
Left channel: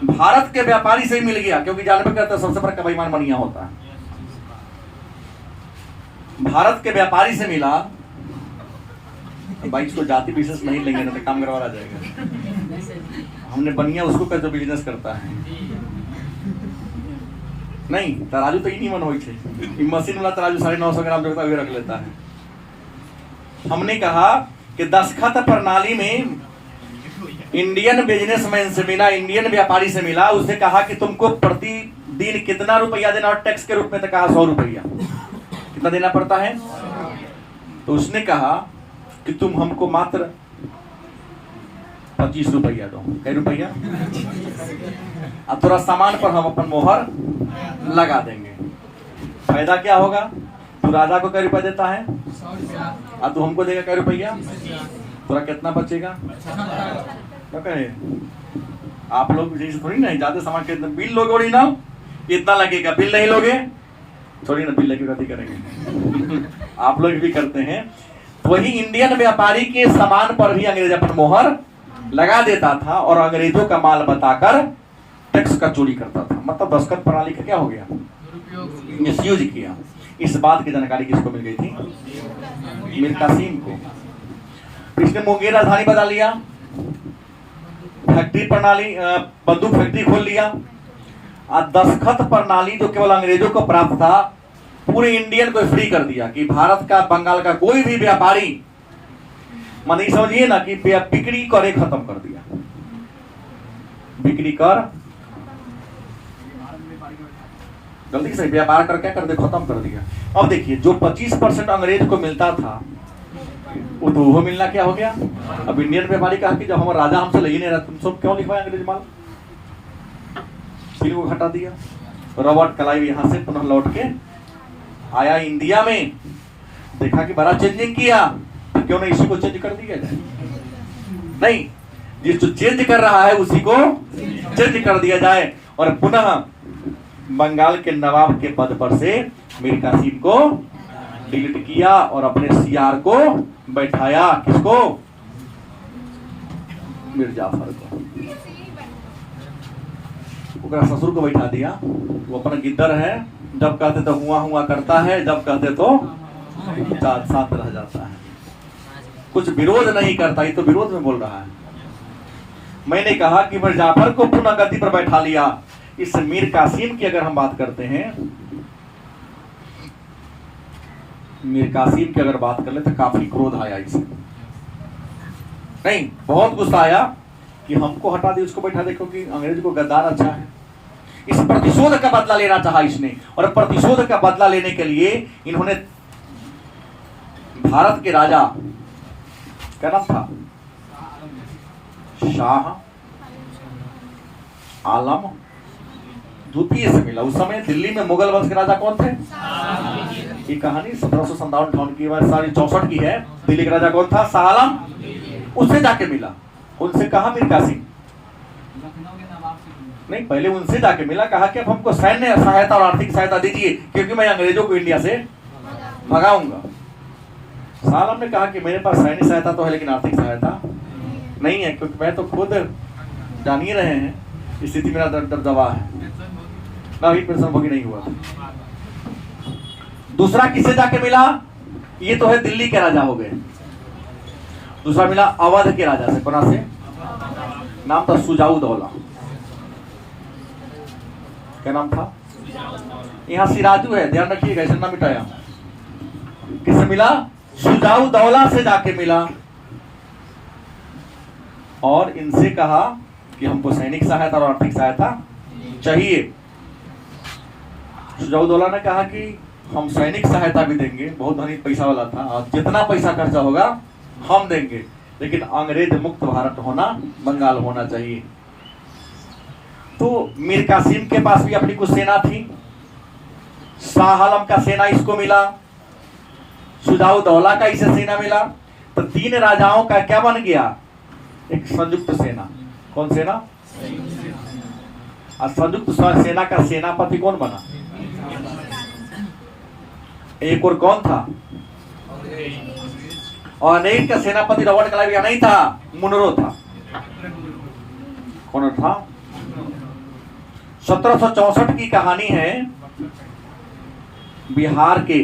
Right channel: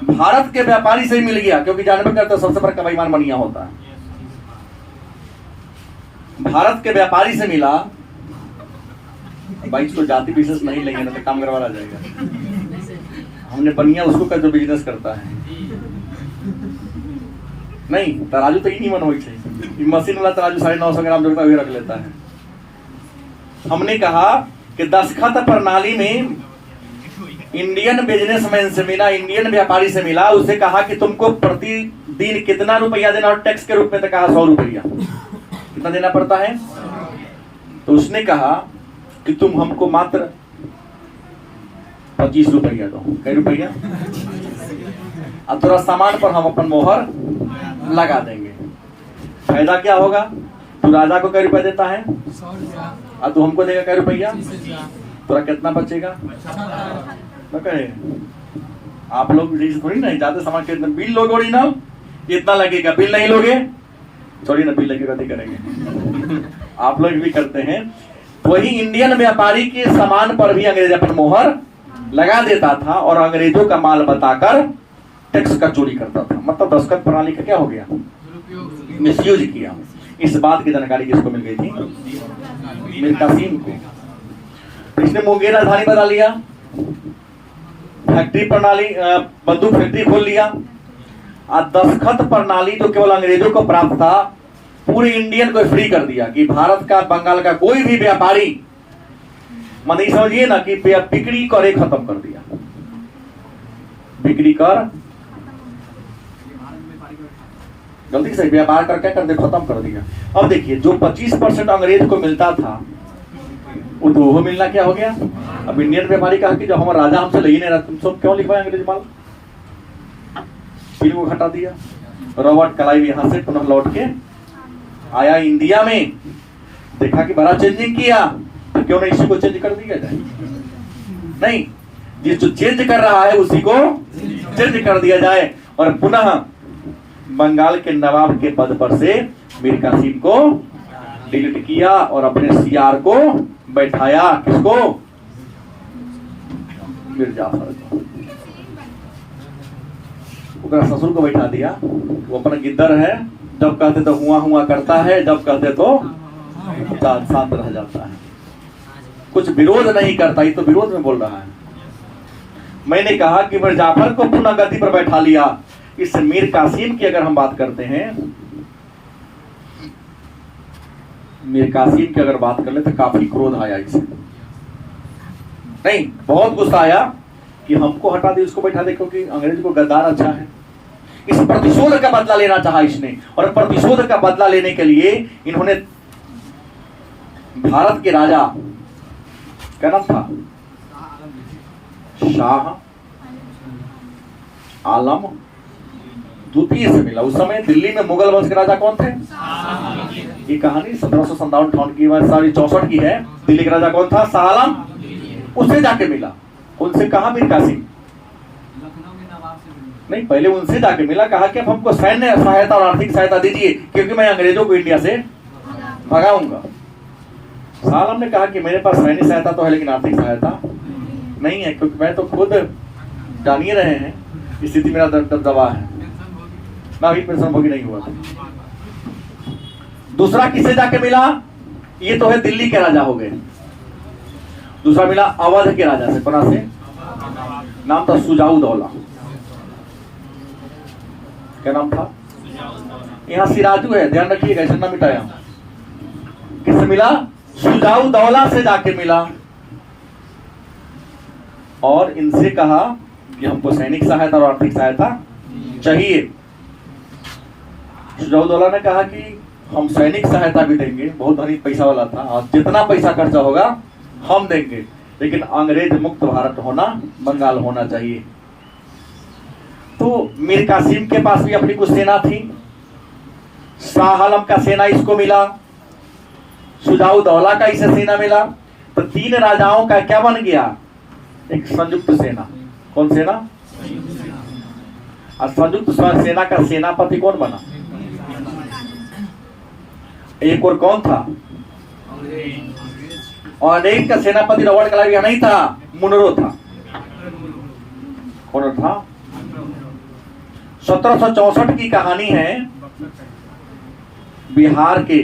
भारत के व्यापारी से ही मिल गया, क्योंकि जानबे करता सबसे बड़ा बेईमान बनिया होता है। भारत के व्यापारी से मिला, भाई इसको जाति विशेष नहीं लेंगे ना तो काम करवा जाएगा। हमने बनिया उसको का जो बिजनेस करता है, नहीं तराजू तो ही नहीं मन हो, मशीन वाला तराजू 950 ग्राम जोड़ता हुए रख लेता है। हमने कहा कि दस्तखत प्रणाली में इंडियन बिजनेसमैन से मिला, इंडियन व्यापारी से मिला, उससे कहा कि तुमको प्रतिदिन कितना रुपया देना और टैक्स के रूप में, तो कहा 100 रुपया। कितना देना पड़ता है? तो उसने कहा कि तुम हमको मात्र 25 रुपया दो। कई रुपया? अब थोड़ा सामान पर हम अपन मोहर लगा देंगे। फायदा क्या होगा? तू राजा को कई रुपया देता है और तू हमको देगा कई रुपया, थोड़ा कितना बचेगा? तो कहे आप लोग थोड़ी नहीं जाते सामान के बिल लोगे ना, इतना लगेगा, बिल नहीं लोगे थोड़ी ना, बिल लगेगा नहीं करेंगे। आप लोग भी करते हैं। वही इंडियन व्यापारी के सामान पर भी अंग्रेज अपन मोहर लगा देता था और अंग्रेजों का माल बताकर टैक्स का चोरी करता था। मतलब दस्तखत प्रणाली का क्या हो गया? मिसयूज किया। इस बात की जानकारी किसको मिल गई थी? मीर कासिम को। इसने मुंगेर राजधानी बना लिया, फैक्ट्री प्रणाली, बंदूक फैक्ट्री खोल लिया। और दस्तखत प्रणाली जो केवल अंग्रेजों को प्राप्त था, पूरे इंडियन को फ्री कर दिया कि भारत का, बंगाल का कोई भी व्यापारी, मतलब समझिए ना कि बिक्री करे खत्म कर दिया। बिक्री कर, गलती से व्यापार कर क्या कर दे, खत्म कर दिया। अब देखिए जो 25% अंग्रेज को मिलता था, वो मिलना क्या हो गया? अब इंडियन व्यापारी कहा कि जब हमारा राजा हमसे ले ही नहीं रहा, तुम सब क्यों लिखवाए अंग्रेज माल? को हटा दिया। रॉबर्ट क्लाइव यहां से पुनः लौट के आया इंडिया में, देखा कि बड़ा चेंजिंग किया, तो क्यों नहीं इसी को चेंज कर दिया जाए? नहीं, जिस जो चेंज कर रहा है उसी को चेंज कर दिया जाए। और पुनः बंगाल के नवाब के पद पर से मीर कासिम को डिलीट किया और अपने सीआर को बैठाया। किसको? मीर जाफर को। ससुर को बैठा दिया। वो अपना गिद्दर है, जब कहते तो हुआ हुआ करता है, जब कहते तो शांत रह जाता है, कुछ विरोध नहीं करता। ये तो विरोध में बोल रहा है। मैंने कहा कि मीर जाफर को पुनः गद्दी पर बैठा लिया। इस मीर कासिम की अगर हम बात करते हैं, मीर कासिम की अगर बात कर ले तो काफी क्रोध आया इसे, नहीं बहुत गुस्सा आया कि हमको हटा दे, उसको बैठा दे, क्योंकि अंग्रेज को गद्दार अच्छा है। इस प्रतिशोध का बदला लेना चाहा इसने, और प्रतिशोध का बदला लेने के लिए इन्होंने भारत के राजा, क्या नाम था? शाह आलम द्वितीय से मिला। उस समय दिल्ली में मुगल वंश के राजा कौन थे? ये कहानी 1757 की, 64 की है। दिल्ली का राजा कौन था? शाह आलम। उससे जाके मिला। उनसे कहा मीर कासिम, नहीं पहले उनसे जाके मिला, कहा कि अब हमको सैन्य सहायता और आर्थिक सहायता दीजिए, क्योंकि मैं अंग्रेजों को इंडिया से भगाऊंगा। शाह आलम ने कहा कि मेरे पास सैन्य सहायता तो है, लेकिन आर्थिक सहायता नहीं है, क्योंकि मैं तो खुद जान ही रहे हैं स्थिति मेरा दबदबा है ना, अभी पेंशन भोगी नहीं हुआ। दूसरा किससे जाके मिला? ये तो है दिल्ली के राजा हो गए। दूसरा मिला अवध के राजा से। कौन से? नाम था सुजाऊ दौला। क्या नाम था? यहाँ सिराजू है, ध्यान रखिएगा, ऐसा ना मिटाया। किससे मिला? सुजाऊ दौला से जाके मिला और इनसे कहा कि हमको सैनिक सहायता और आर्थिक सहायता चाहिए। सुजाऊ दौला ने कहा कि हम सैनिक सहायता भी देंगे, बहुत धनी पैसा वाला था, और जितना पैसा खर्चा होगा हम देंगे, लेकिन अंग्रेज मुक्त भारत होना, बंगाल होना चाहिए। तो मीर कासिम के पास भी अपनी कुछ सेना थी, शाह आलम का सेना इसको मिला, शुजाउद्दौला का इसे सेना मिला, तो तीन राजाओं का क्या बन गया, एक संयुक्त सेना। कौन सेना? और संयुक्त सेना का सेनापति कौन बना? एक और कौन था? और अनेक का सेनापति रॉबर्ट क्लाइव या नहीं था, मुनरो था। कौन था? 1764 की कहानी है, बिहार के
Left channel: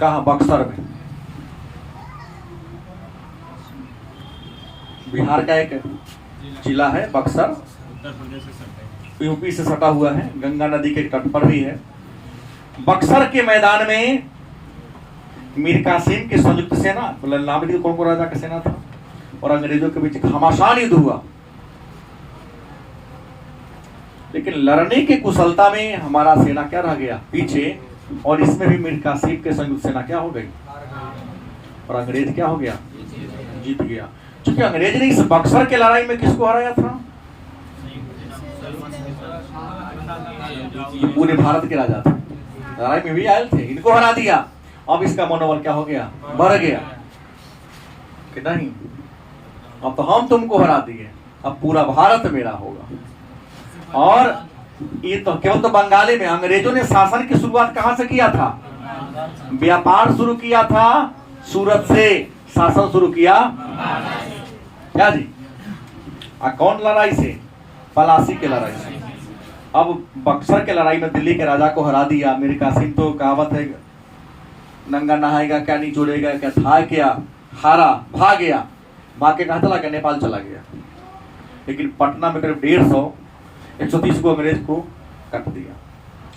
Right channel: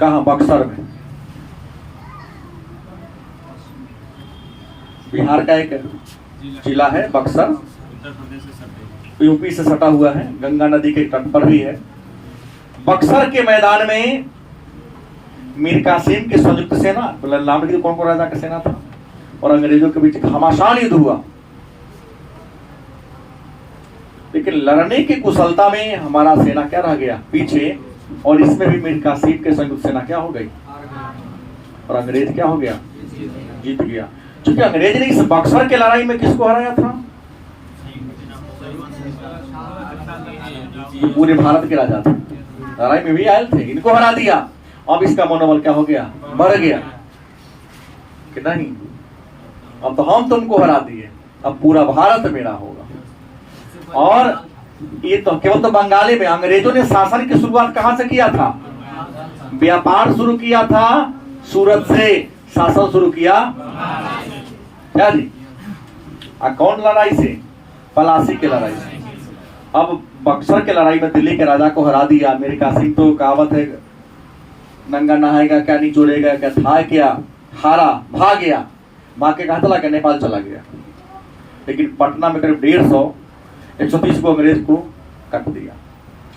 कहा, बक्सर में, बिहार का एक जिला है बक्सर, उत्तर प्रदेश से सटे, यूपी से सटा हुआ है, गंगा नदी के तट पर भी है। बक्सर के मैदान में मीर कासिम की संयुक्त सेना, नाम लिखिए कौन कौन राजा की सेना था, और अंग्रेजों के बीच घमासान युद्ध हुआ। लेकिन लड़ने की कुशलता में हमारा सेना क्या रह गया, पीछे, और इसमें भी मीर कासिम के संयुक्त सेना क्या हो गई, और अंग्रेज क्या हो गया, जीत गया। क्योंकि अंग्रेज ने इस बक्सर के लड़ाई में किसको हराया था? ये पूरे भारत के राजा थे, लड़ाई में भी आए थे, इनको हरा दिया। अब इसका मनोबल क्या हो गया, बढ़ गया कि नहीं, अब तो हम तुमको हरा दिए, अब पूरा भारत मेरा होगा। और ये तो केवल तो बंगाली में, अंग्रेजों ने शासन की शुरुआत कहां से किया था? व्यापार शुरू किया था, सूरत से शासन शुरू किया, क्या जी? कौन लड़ाई से? पलासी के लड़ाई से। अब बक्सर के लड़ाई में दिल्ली के राजा को हरा दिया। मीर कासिम तो कहावत है, नंगा नहाएगा क्या नहीं जोड़ेगा क्या, था क्या, हारा, भाग गया, भाग के कहां चला गया, नेपाल चला गया। लेकिन पटना में करीब 150 को अंग्रेज को कट दिया।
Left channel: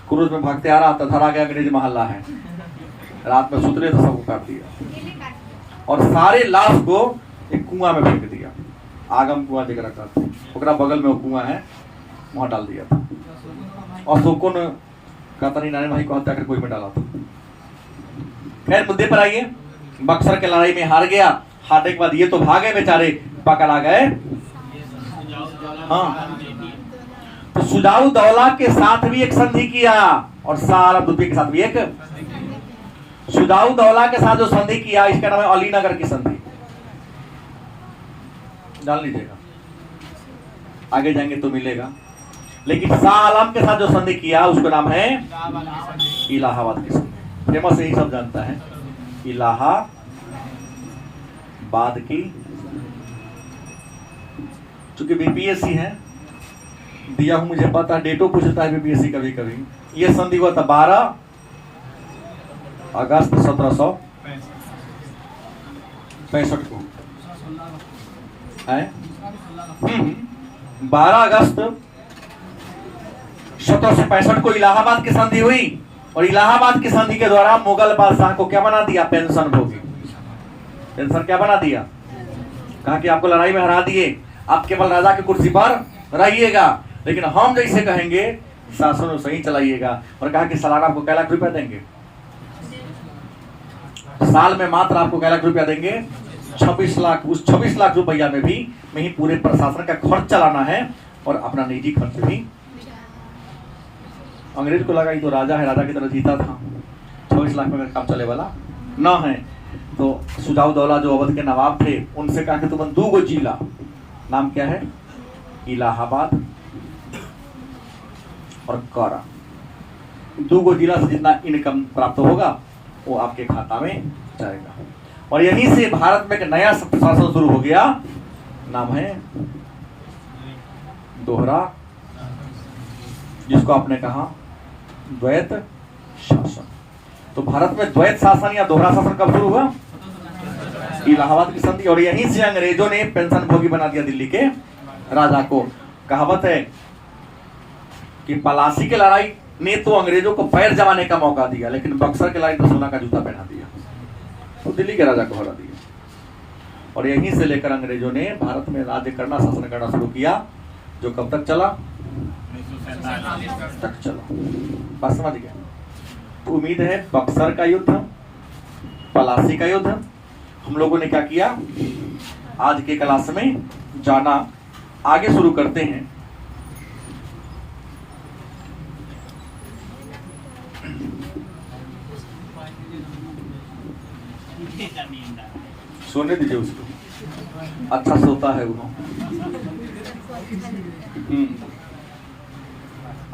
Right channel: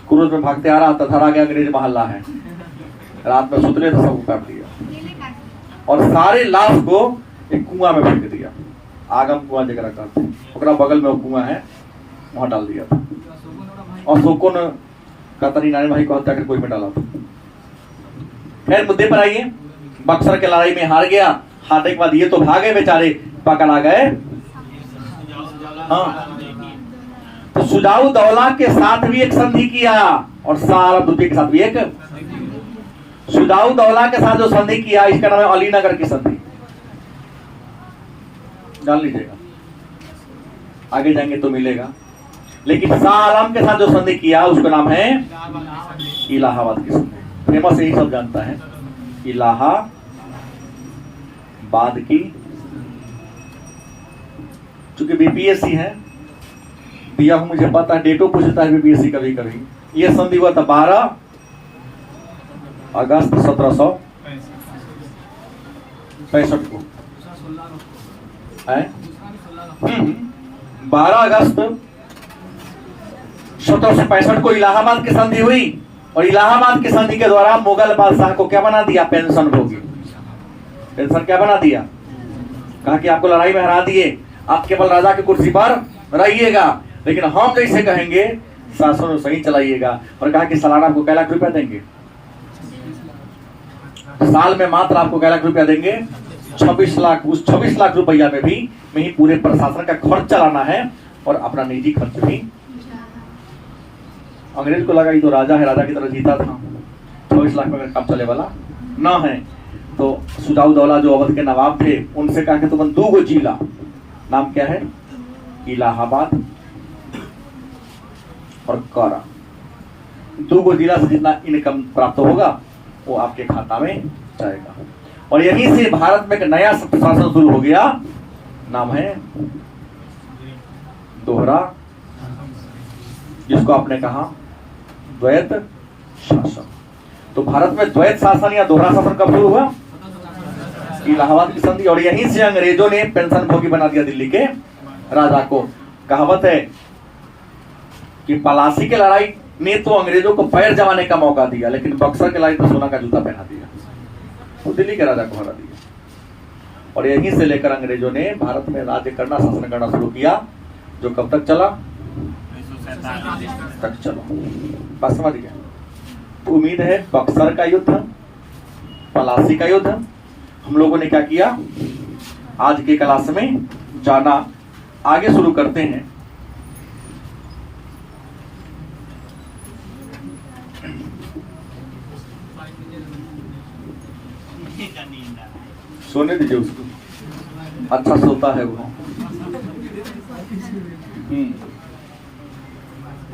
क्रूज में भागते आ रहा था, धरा गया, अंग्रेज महल्ला है, रात में सुतले तो सबको काट दिया, और सारे लाश को एक कुआं में फेंक दिया, आगम कुआं जगह कहते, ओकरा बगल में वो कुआं है, वहां डाल दिया था। और शोको ने कतरी नारायण भाई को हत्या कर कोई में डाला था। खैर मुद्दे पर आइए, बक्सर के लड़ाई में हार गया, हारने के बाद ये तो भागे बेचारे, पकड़ा गए। हाँ, तो शुजाउद्दौला के साथ भी एक संधि किया, और शाह आलम द्वितीय के साथ भी एक। शुजाउद्दौला के साथ जो संधि किया, इसका नाम है अलीनगर की संधि, जान लीजिएगा, आगे जाएंगे तो मिलेगा। लेकिन शाह आलम के साथ जो संधि किया, उसका नाम है इलाहाबाद की संधि। फेमस यही सब जानता है, इलाहाबाद की। चूंकि बीपीएससी है, दिया हूं, मुझे पता, डेटो पूछता है बीपीएससी कभी कभी। यह संधि हुआ था 12 अगस्त 1765 को, 12 अगस्त 1765 को इलाहाबाद की संधि हुई। और इलाहाबाद की संधि के द्वारा मुगल बादशाह को क्या बना दिया, पेंशन भोगी। पेंशन क्या बना दिया, कहा कि आपको लड़ाई में हरा दिए, आप केवल राजा की कुर्सी पर रहिएगा, लेकिन हम जैसे कहेंगे शासन सही चलाइएगा। और कहा कि सालाना आपको क्या लाख रुपया देंगे, साल में मात्र आपको क्या लाख रुपया देंगे, 26 लाख। उस 26 लाख रुपया में ही पूरे प्रशासन का खर्च चलाना है, और अपना निजी खर्च भी। अंग्रेज को लगा ये तो राजा है, राजा की तरह जीता था, 26 लाख में अगर काम चले वाला न है। तो शुजाउद्दौला जो अवध के नवाब थे, उनसे कहा कि तुम 2 जिला, नाम क्या है, इलाहाबाद और कारा, 2 जिला से जितना इनकम प्राप्त होगा वो आपके खाता में जाएगा। और यहीं से भारत में एक नया शासन शुरू हो गया, नाम है दोहरा, जिसको आपने कहा द्वैत शासन। तो भारत में द्वैत शासन या दोहरा शासन कब शुरू हुआ, इलाहाबाद की संधि। और यहीं से अंग्रेजों ने पेंशन भोगी बना दिया दिल्ली के राजा को। कहावत है कि पलासी की लड़ाई ने तो अंग्रेजों को पैर जमाने का मौका दिया, लेकिन बक्सर की लड़ाई तो सोना का जूता पहना दिया, तो दिल्ली के राजा को हरा दिया। और यहीं से लेकर अंग्रेजों ने भारत में राज्य करना, शासन करना शुरू किया, जो कब तक चला, तक चलो, बात समझ गया। तो उम्मीद है बक्सर का युद्ध, पलासी का युद्ध हम लोगों ने क्या किया, आज के क्लास में जाना। आगे शुरू करते हैं। सोने दीजिए उसको, अच्छा सोता है वो।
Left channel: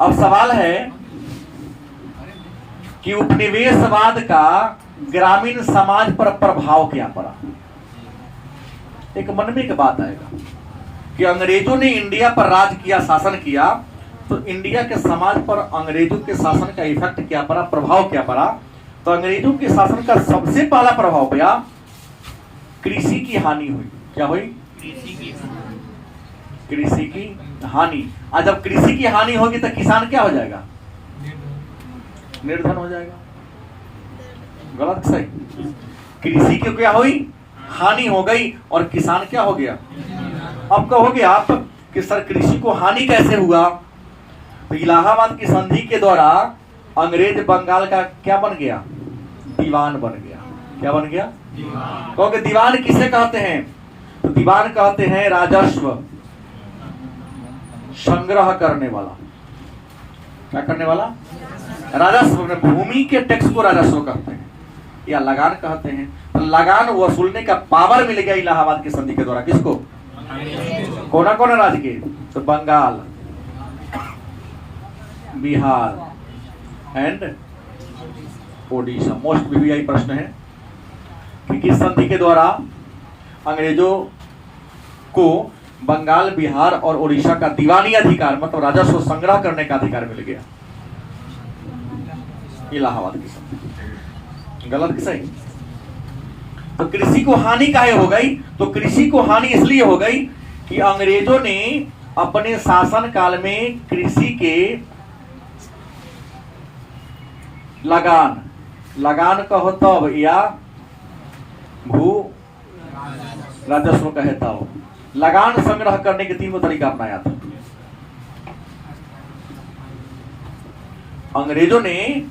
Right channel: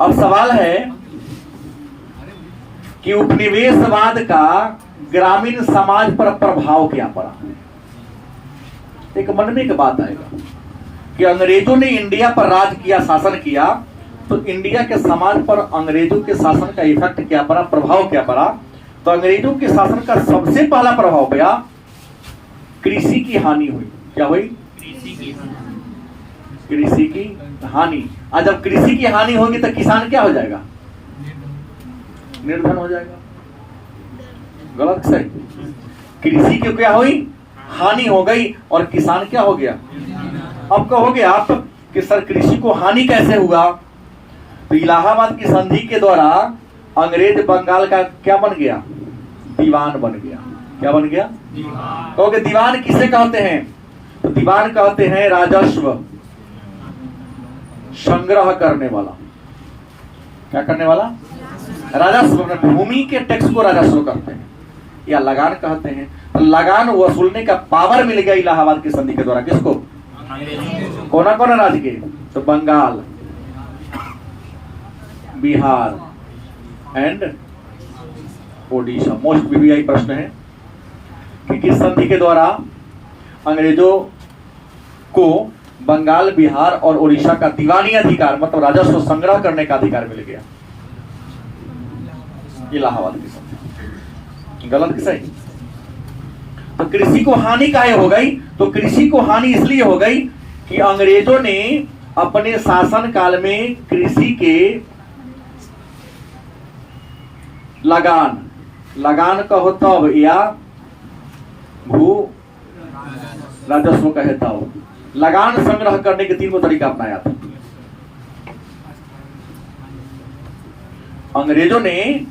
अब सवाल है कि उपनिवेशवाद का ग्रामीण समाज पर प्रभाव क्या पड़ा। एक मन में एक बात आएगा कि अंग्रेजों ने इंडिया पर राज किया, शासन किया, तो इंडिया के समाज पर अंग्रेजों के शासन का इफेक्ट क्या पड़ा, प्रभाव क्या पड़ा। तो अंग्रेजों के शासन का सबसे पहला प्रभाव पड़ा, कृषि की हानि हुई। क्या हुई? कृषि की हानि। आज जब कृषि की हानि होगी तो किसान क्या हो जाएगा? निर्धन हो जाएगा। गलत सही? कृषि की क्या हुई? हानि हो गई और किसान क्या हो गया? अब कहोगे आप कि सर कृषि को हानि कैसे हुआ? तो इलाहाबाद की संधि के द्वारा अंग्रेज बंगाल का क्या बन गया? दीवान बन गया। क्या बन गया? कहोगे दीवान किसे कहते हैं? तो दीवान कहते हैं राजस्व संग्रह करने वाला। क्या करने वाला? राजस्व। भूमि के टैक्स को राजस्व कहते हैं या लगान कहते हैं। तो लगान वसूलने का पावर मिल गया इलाहाबाद की संधि के द्वारा। किसको? कौन कौन राज्य के? तो Bengal, Bihar and Odisha. Most VVI प्रश्न है कि किस संधि के द्वारा अंग्रेजों को बंगाल, बिहार और ओडिशा का दीवानी अधिकार मतलब राजस्व संग्रह करने का अधिकार मिल गया? इलाहाबाद की संधि। गलत कि सही? तो कृषि को हानि काहे हो गई? तो कृषि को हानि इसलिए हो गई कि अंग्रेजों ने अपने शासन काल में कृषि के लगान कहो तब या भू राजस्व कहे तब लगान संग्रह करने के 3 तरीका अपनाया था। अंग्रेजों ने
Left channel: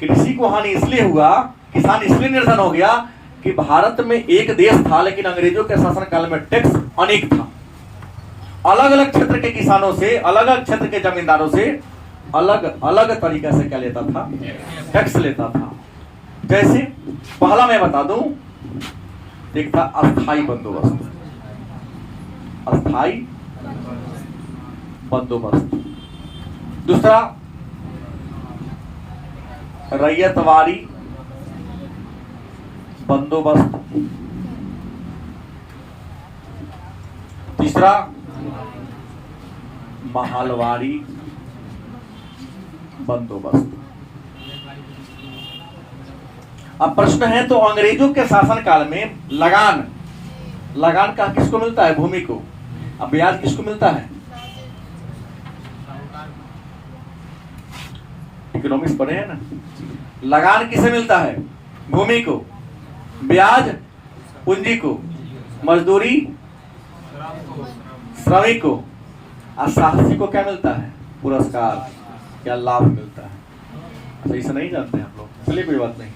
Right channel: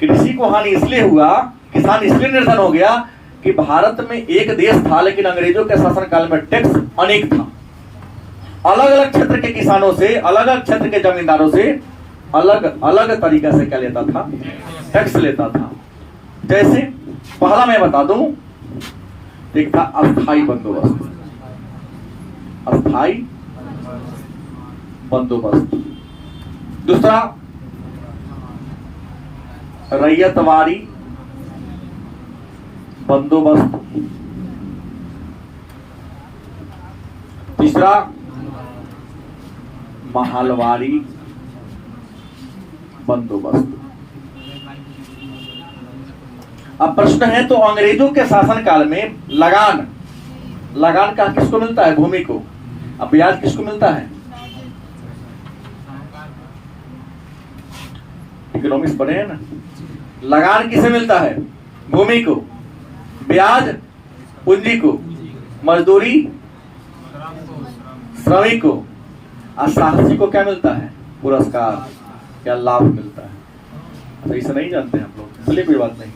कृषि को हानि इसलिए हुआ, किसान इसलिए निर्धन हो गया कि भारत में एक देश था लेकिन अंग्रेजों के शासन काल में टैक्स अनेक था। अलग अलग क्षेत्र के किसानों से, अलग अलग क्षेत्र के जमींदारों से अलग अलग तरीका से क्या लेता था? टैक्स लेता था। जैसे पहला मैं बता दूं, एक था अस्थाई बंदोबस्त। अस्थाई बंदोबस्त। दूसरा रैयतवारी बंदोबस्त। तीसरा महलवारी बंदोबस्त। अब प्रश्न है तो अंग्रेजों के शासन काल में लगान का किसको मिलता है? भूमि को। अब ब्याज किसको मिलता है? इकोनॉमिक्स पढ़े हैं ना? लगान किसे मिलता है? भूमि को। ब्याज पूंजी को। मजदूरी श्रमिक को। और साहसी को क्या मिलता है? पुरस्कार या लाभ मिलता है। तो ऐसा नहीं जानते हम लोग, इसलिए कोई बात नहीं।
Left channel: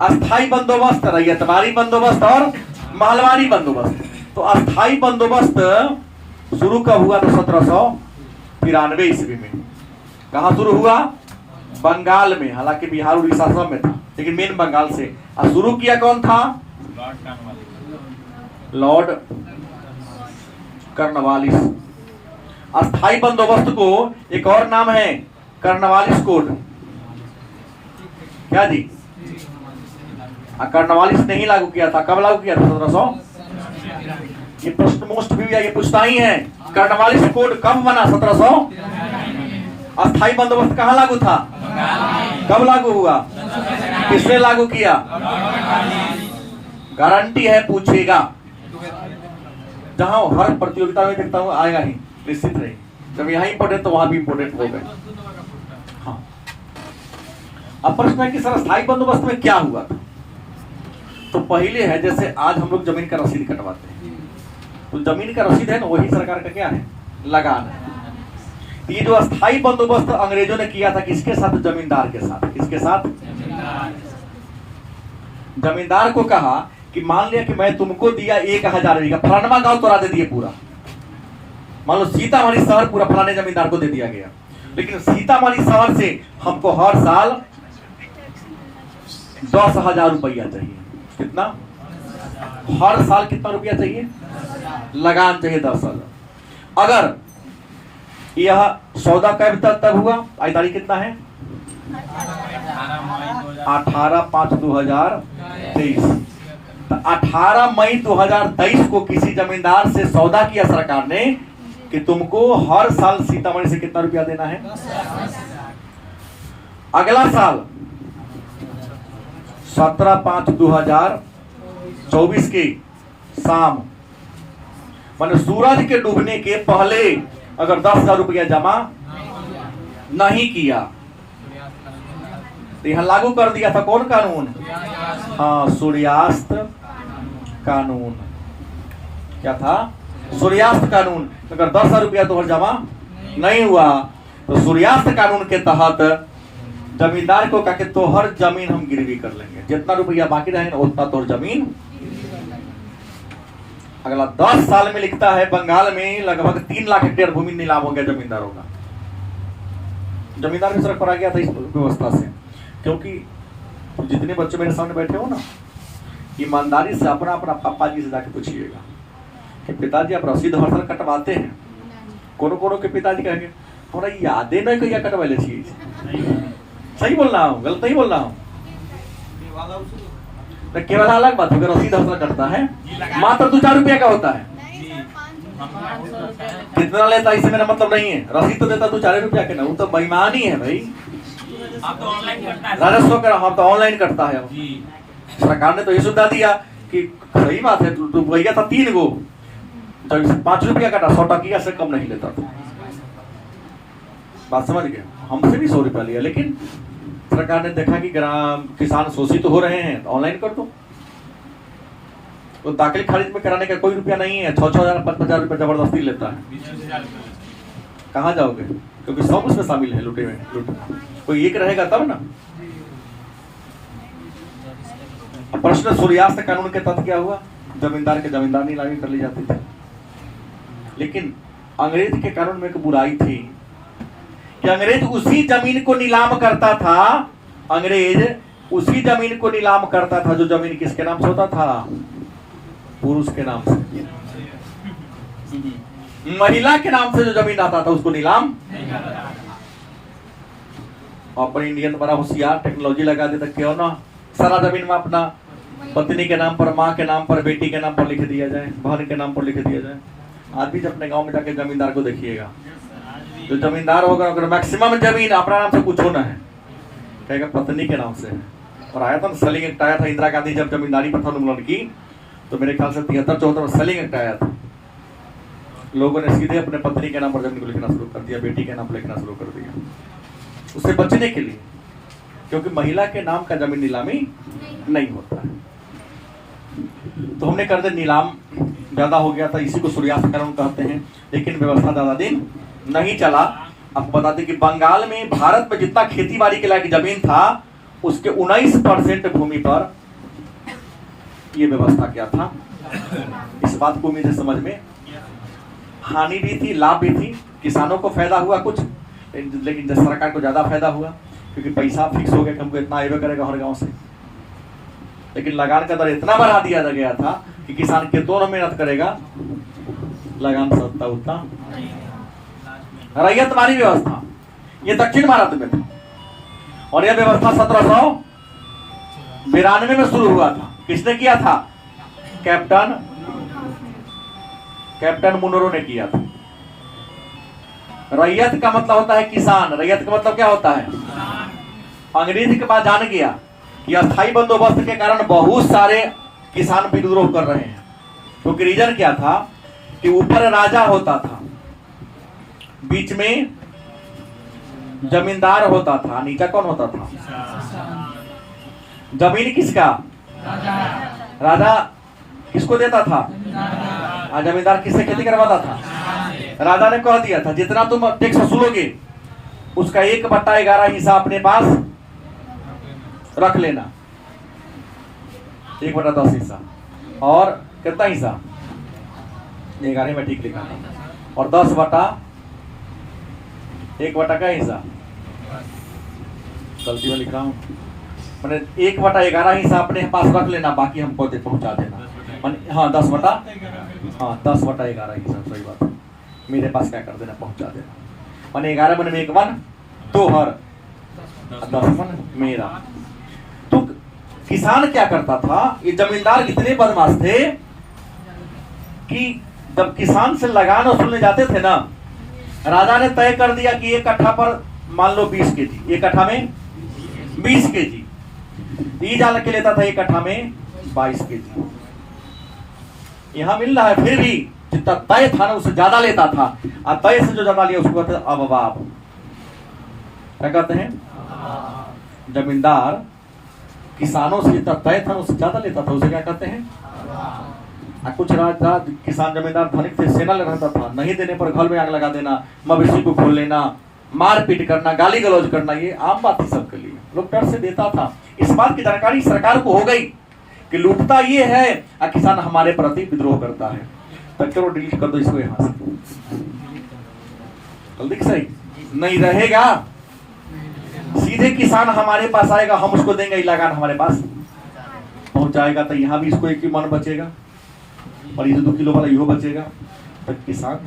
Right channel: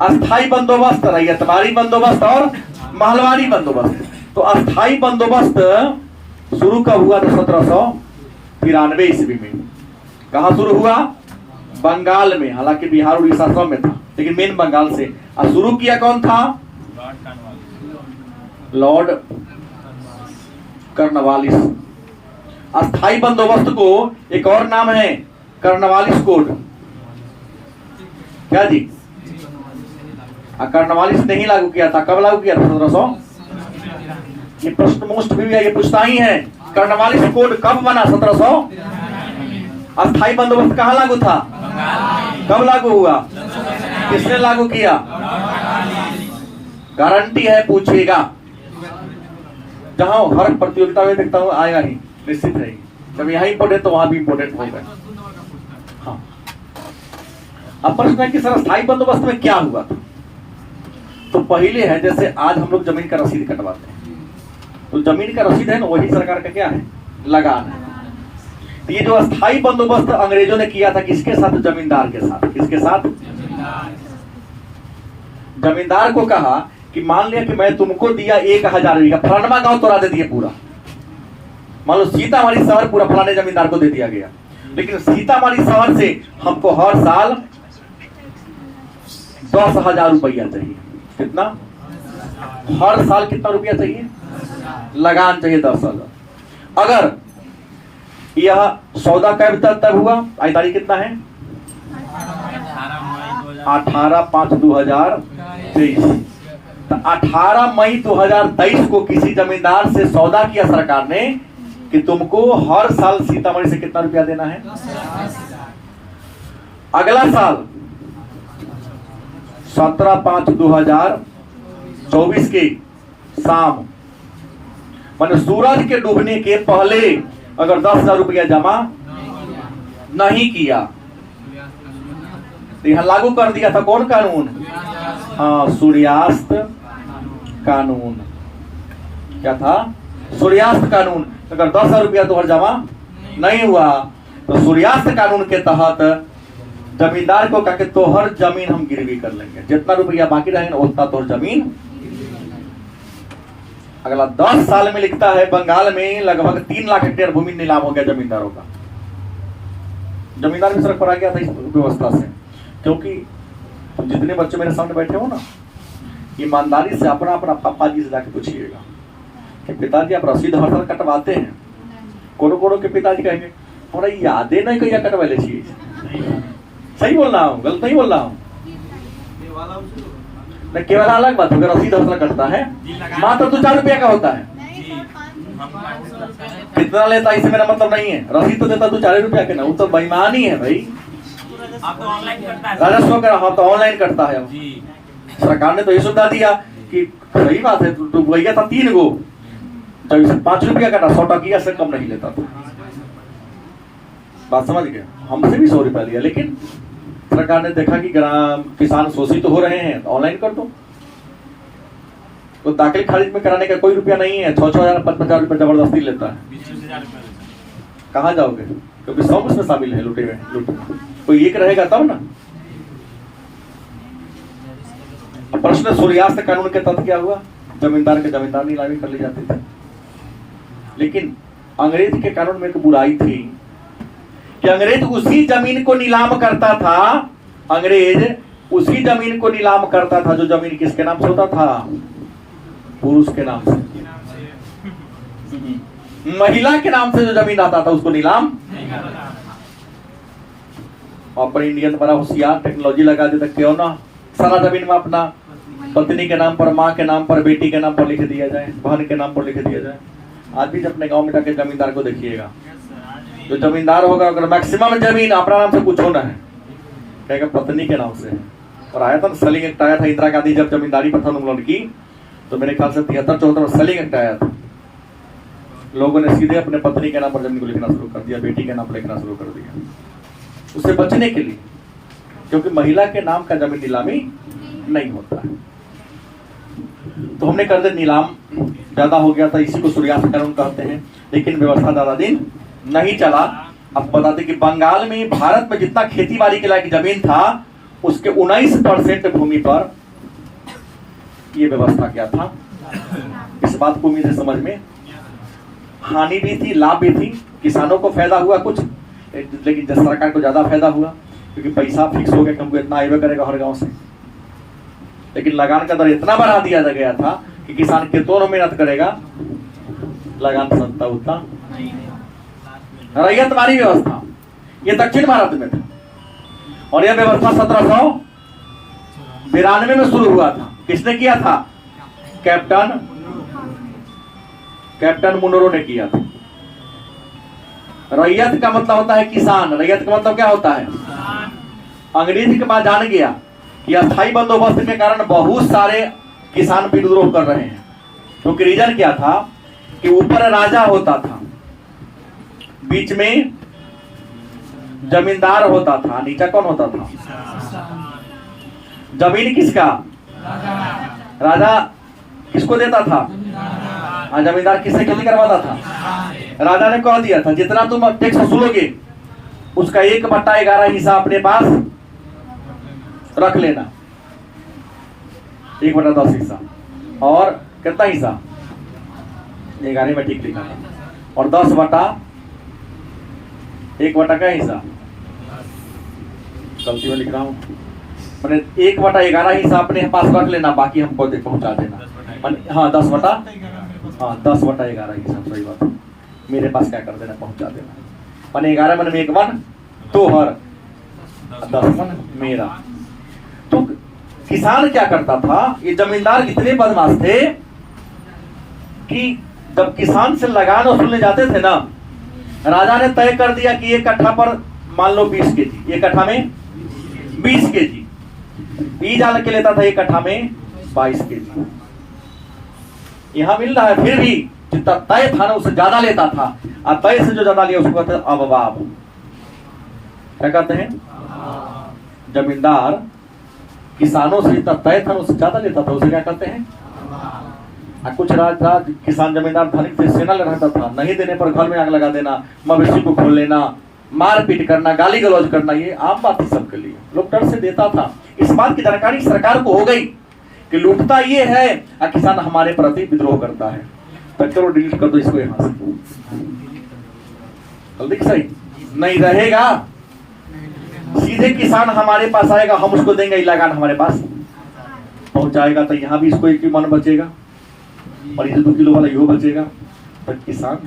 अस्थाई बंदोबस्त, रैयतवारी बंदोबस्त और महलवारी बंदोबस्त। तो अस्थाई बंदोबस्त शुरू कब हुआ? तो 1793 ईस्वी में। कहां शुरू हुआ? बंगाल में। हालांकि बिहार उड़ीसा सब में था लेकिन मेन बंगाल से। और शुरू किया कौन था? Lord Cornwallis. अस्थाई बंदोबस्त को एक और नाम है कॉर्नवालिस कोड। क्या जी? कॉर्नवालिस ने ही लागू किया था। कब लागू किया था? 1700। ये प्रश्न मोस्ट भी ये पूछता ही है, कॉर्नवालिस कोड कब बना? 1700। अस्थाई बंदोबस्त कहां लागू था? कब लागू हुआ? किसने लागू किया? गारंटी है पूछेगा। जहां हर प्रतियोगिता में देखता हूं आएगा ही, निश्चित रहेगी। जब यहाँ इंपोर्टेंट तो वहां भी इंपोर्टेंट हो गए। हाँ। अब प्रश्न है कि सर अस्थाई बंदोबस्त में क्या हुआ था? तो पहले है जैसे आज हम लोग जमीन का रसीद कटवाते हैं, तो जमीन का रसीद है ना, वही सरकार का क्या है? लगान है। तो ये जो अस्थाई बंदोबस्त अंग्रेजों ने किया था किसके साथ? जमींदार के साथ। किसके साथ? जमींदार को कहा कि मान लिया कि मैं तुमको दिया 1000 बीघा, फलानवा गांव तोड़ा दे दिए पूरा। मान लो सीतामढ़ी शहर पूरा फलाने जमींदार को दे दिया गया, लेकिन सीतामढ़ी शहर से हमको हर साल 10,000 रुपया चाहिए। कितना? हर साल कितना रुपया चाहिए? लगान चाहिए 10,000। अगर यह सौदा कब तब हुआ? आज तारीख कितना है? 18/5/2023। तो 18 मई 2023 को किसी जमींदार से सौदा किया सरकार ने कि तुमको हर साल सीतामढ़ी से कितना रुपया देना है? अगला साल 17/5/2024 की शाम, माने सूरज के डूबने के पहले अगर 10,000 रुपया जमा नहीं किया तो यहां लागू कर दिया था कौन कानून? हाँ, सूर्यास्त कानून। क्या था? सूर्यास्त कानून। अगर 10,000 रुपया तोहर जमा नहीं हुआ तो सूर्यास्त कानून के तहत जमींदार को कहा कि तोहर जमीन हम गिरवी कर लेंगे, जितना रुपया बाकी रहेगा उतना तोहर जमीन। अगला 10 साल में लिखता है बंगाल में लगभग 3 लाख हेक्टेयर भूमि नीलाम हो गया जमींदारों का। जमींदार भी सड़क पर आ गया था इस व्यवस्था से, क्योंकि जितने बच्चे मेरे सामने बैठे हो ना, ईमानदारी से अपना अपना पापा जी से जाके पूछिएगा कि पिताजी आप रसीद हर साल कटवाते हैं? कोनो कोनो के पिताजी कहेंगे हमारा यादें नहीं कहिया कटवा ले चीज। सही बोल रहा हूँ? गलत नहीं बोल रहा हूँ? केवल अलग बात, अगर रसीद हर साल कटता है मात्र 2-4 रुपया का होता है। कितना लेता है इससे मेरा मतलब नहीं है, रसीद तो देता 2-4 रुपया के ना, वो तो बेईमानी है भाई। आप तो ऑनलाइन करता है, राजस्व का हम तो ऑनलाइन करता है। सरकार ने तो ये सुविधा दिया कि सही बात है, तो भैया था 3 गो, जब 5 रुपया कटा 100 टकिया से कम नहीं लेता था। बात समझ गए? हमसे भी 100 रुपया लिया, लेकिन सरकार ने देखा कि ग्राम किसान शोषित हो रहे हैं तो ऑनलाइन कर दो। तो दाखिल खारिज में कराने का कोई रुपया नहीं है, 6,000 5,000 रुपया जबरदस्ती लेता है। कहाँ जाओगे? क्योंकि 100 उसमें शामिल है लुटे हुए। कोई एक रहेगा तब ना। प्रश्न सूर्यास्त कानून के तहत क्या हुआ? जमींदार के जमींदार नीलामी कर ली जाती थी। लेकिन अंग्रेज के कानून में एक बुराई थी कि अंग्रेज उसी जमीन को नीलाम करता था। अंग्रेज उसी जमीन को नीलाम करता था जो जमीन किसके नाम से होता था? पुरुष के नाम से। महिला के नाम से जो जमीन आता था उसको नीलाम। और इंडियन बड़ा होशियार टेक्नोलॉजी लगा देता, क्यों ना सारा जमीन में अपना पत्नी के नाम पर, माँ के नाम पर, बेटी के नाम पर लिख दिया जाए, बहन के नाम पर लिख दिया जाए। आज भी अपने गांव में जाके जमींदार को देखिएगा, जो जमींदार होगा अगर मैक्सिमम जमीन अपना नाम से कुछ होना है कहेगा पत्नी के नाम से है। और आया था सेलिंग एक्ट आया था इंदिरा गांधी जब जमींदारी प्रथा उन्मूलन की, तो मेरे ख्याल से 73-74 सेलिंग एक्ट आया था। लोगों ने सीधे अपने पत्नी के नाम पर जमीन को लिखना शुरू कर दिया, बेटी के नाम पर लिखना शुरू कर दिया, उससे बचने के लिए, क्योंकि महिला के नाम का जमीन नीलामी नहीं होता है। तो हमने कर दे नीलाम ज्यादा हो गया था, इसी को सूर्यास्त कानून कहते हैं। लेकिन व्यवस्था ज्यादा दिन नहीं चला। अब बताते कि बंगाल में, भारत में जितना खेती बाड़ी के लायक जमीन था उसके 19% भूमि पर यह व्यवस्था क्या था। इस बात को उम्मीद है समझ में। हानि भी थी, लाभ भी थी। किसानों को फायदा हुआ कुछ, लेकिन सरकार को ज्यादा फायदा हुआ क्योंकि पैसा फिक्स हो गया कि हमको इतना आएगा करेगा हर गांव से। लेकिन लगान का दर इतना बढ़ा दिया गया था कि किसान कितनों में मेहनत करेगा, लगान सस्ता उतना। रैयतवारी व्यवस्था ये दक्षिण भारत में था, और यह व्यवस्था 1792 में शुरू हुआ था। किसने किया था? कैप्टन मुनरो ने किया था। रैयत का मतलब होता है किसान। रैयत का मतलब क्या होता है? अंग्रेज के पास जान गया कि अस्थायी बंदोबस्त के कारण बहुत सारे किसान विद्रोह कर रहे हैं। क्योंकि रीजन क्या था कि ऊपर राजा होता था, बीच में जमींदार होता था, नीचे कौन होता था? जमीन किसका? राजा किसको देता था? हाँ, जमींदार किससे खेती करवाता था? राजा ने कह दिया था जितना तुम टैक्स वसूलोगे उसका 1/11 हिस्सा अपने पास रख लेना, 1/10 हिस्सा। और कितना हिस्सा? 11 में ठीक लिखा, और 1/1 का हिस्सा गलती में लिख रहा हूँ, मैंने 1/11 हिस्सा अपने पास रख लेना, बाकी हमको पहुंचा देना। हाँ 10/11 हिस्सा, सही बात है, मेरे पास क्या कर देना, पहुंचा देना। मैंने 11 मन में 1 मन तोहर, 10 मन मेरा। तो किसान क्या करता था, ये जमींदार इतने बदमाश थे कि जब किसान से लगान वसूलने जाते थे ना, राजा ने तय कर दिया कि 1 कट्ठा पर मान लो 20 केजी, 1 कट्ठा में 20 केजी बीज आल के लेता था, 1 कट्ठा में 22 केजी। यहां मिल रहा है, फिर भी जितना तय था ना उससे ज्यादा लेता था, और तय से जो ज्यादा लिया उसको कहते हैं अववाब। क्या कहते हैं? जमींदार किसानों से जितना तय था उससे ज्यादा लेता था, उसे क्या कहते हैं? कुछ राजा किसान जमींदार धनिक थे, सेना रहता था, नहीं देने पर घर में आग लगा देना, मवेशी को खोल लेना, मारपीट करना, गाली गलौज करना, ये आम बात थी सबके लिए। लोग डर से देता था। इस बात की जानकारी सरकार को हो गई कि लूटता ये है और किसान हमारे प्रति विद्रोह करता है, तो चलो डिलीट कर दो इसको यहां से, जल्दी सही नहीं रहेगा। सीधे किसान हमारे पास आएगा, हम उसको देंगे, लगान हमारे पास पहुंचाएगा, तो यहाँ भी इसको 1 मन बचेगा और ये 2 किलो वाला यो बचेगा। तो किसान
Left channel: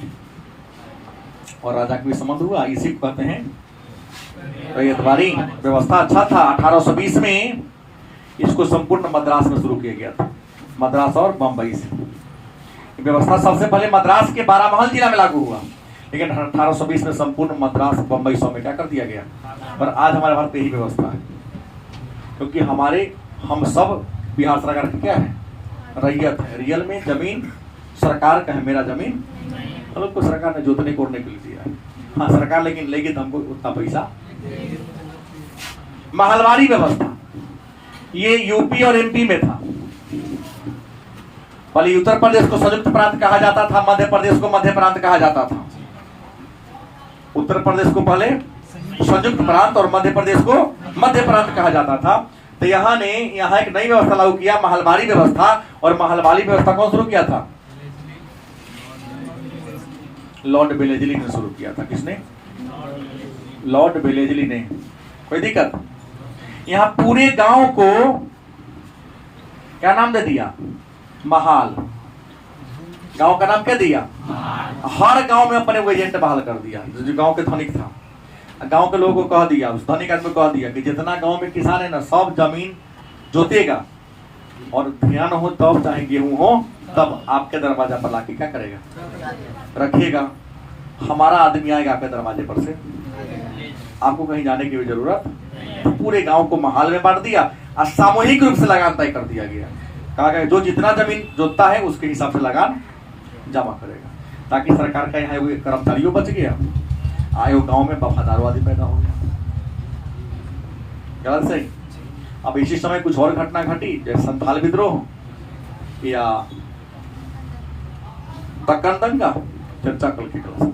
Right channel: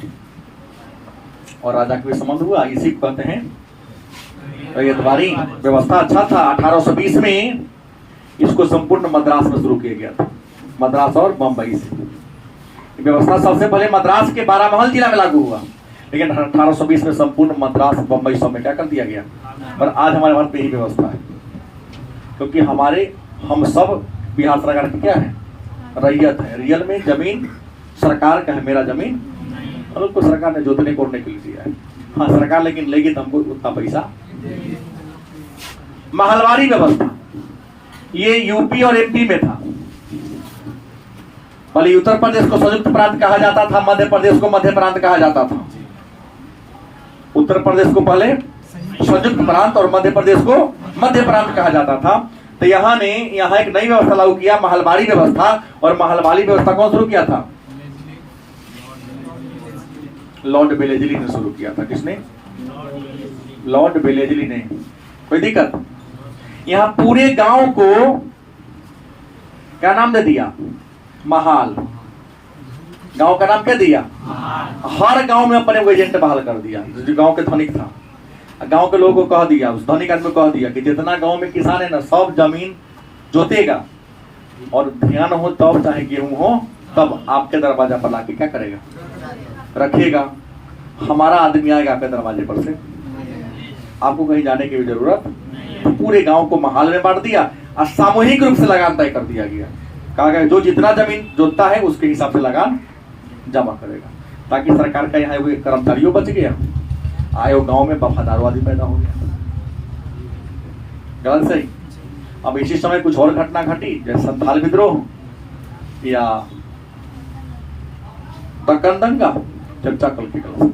और राजा का संबंध हुआ, इसी को कहते हैं रैयतवारी व्यवस्था। अच्छा था। 1820 में इसको संपूर्ण मद्रास में शुरू किया गया था, मद्रास और बंबई से। व्यवस्था सबसे पहले मद्रास के 12 महल जिला में लागू हुआ, लेकिन 1820 में संपूर्ण मद्रास बंबई सब में क्या कर दिया गया। और आज हमारे भारत में यही व्यवस्था है, क्योंकि हम सब बिहार सरकार की क्या है, रैयत है। रियल में जमीन सरकार का है, मेरा जमीन मतलब को सरकार ने जोतने कोड़ने के लिए दिया है। हाँ सरकार लेकिन लेगी तो हमको उतना पैसा। महलवारी व्यवस्था ये यूपी और एमपी में था। पहले उत्तर प्रदेश को संयुक्त प्रांत कहा जाता था, मध्य प्रदेश को मध्य प्रांत कहा जाता था। उत्तर प्रदेश को पहले संयुक्त प्रांत और मध्य प्रदेश को मध्य प्रांत कहा जाता था। तो यहाँ एक नई व्यवस्था लागू किया, महलवारी व्यवस्था। और महलवारी व्यवस्था कौन शुरू किया था? लॉर्ड वेलेस्ली ने शुरू किया था। किसने? लॉर्ड वेलेस्ली ने। कोई दिक्कत? यहाँ पूरे गांव को क्या नाम दे दिया? महाल। गांव का नाम क्या दिया? हर गांव में अपने एजेंट बहाल कर दिया, जो गांव के धनिक था। गांव के लोगों को कह दिया, उस धनिक आदमी को कह दिया कि जितना गांव में किसान है ना, सब जमीन जोतेगा, और ध्यान हो तब, चाहे गेहूं हो तब, आपके दरवाजा पर लाके क्या करेगा? रखिएगा। हमारा आदमी आएगा आपके दरवाजे पर से, आपको कहीं जाने की भी जरूरत। तो पूरे गांव को महाल में बांट दिया और सामूहिक रूप से लगान तय कर दिया गया। कहा गया जो जितना जमीन जोतता है उसके हिसाब से लगान जमा करेगा, ताकि सरकार का यहाँ कर्मचारियों बच गया, आए वो गांव में वफादारवादी पैदा हो गया। गलत सही? अब इसी समय कुछ और घटना घटी, जैसे संथाल विद्रोह या दक्कन दंगा, चर्चा कल की क्लास।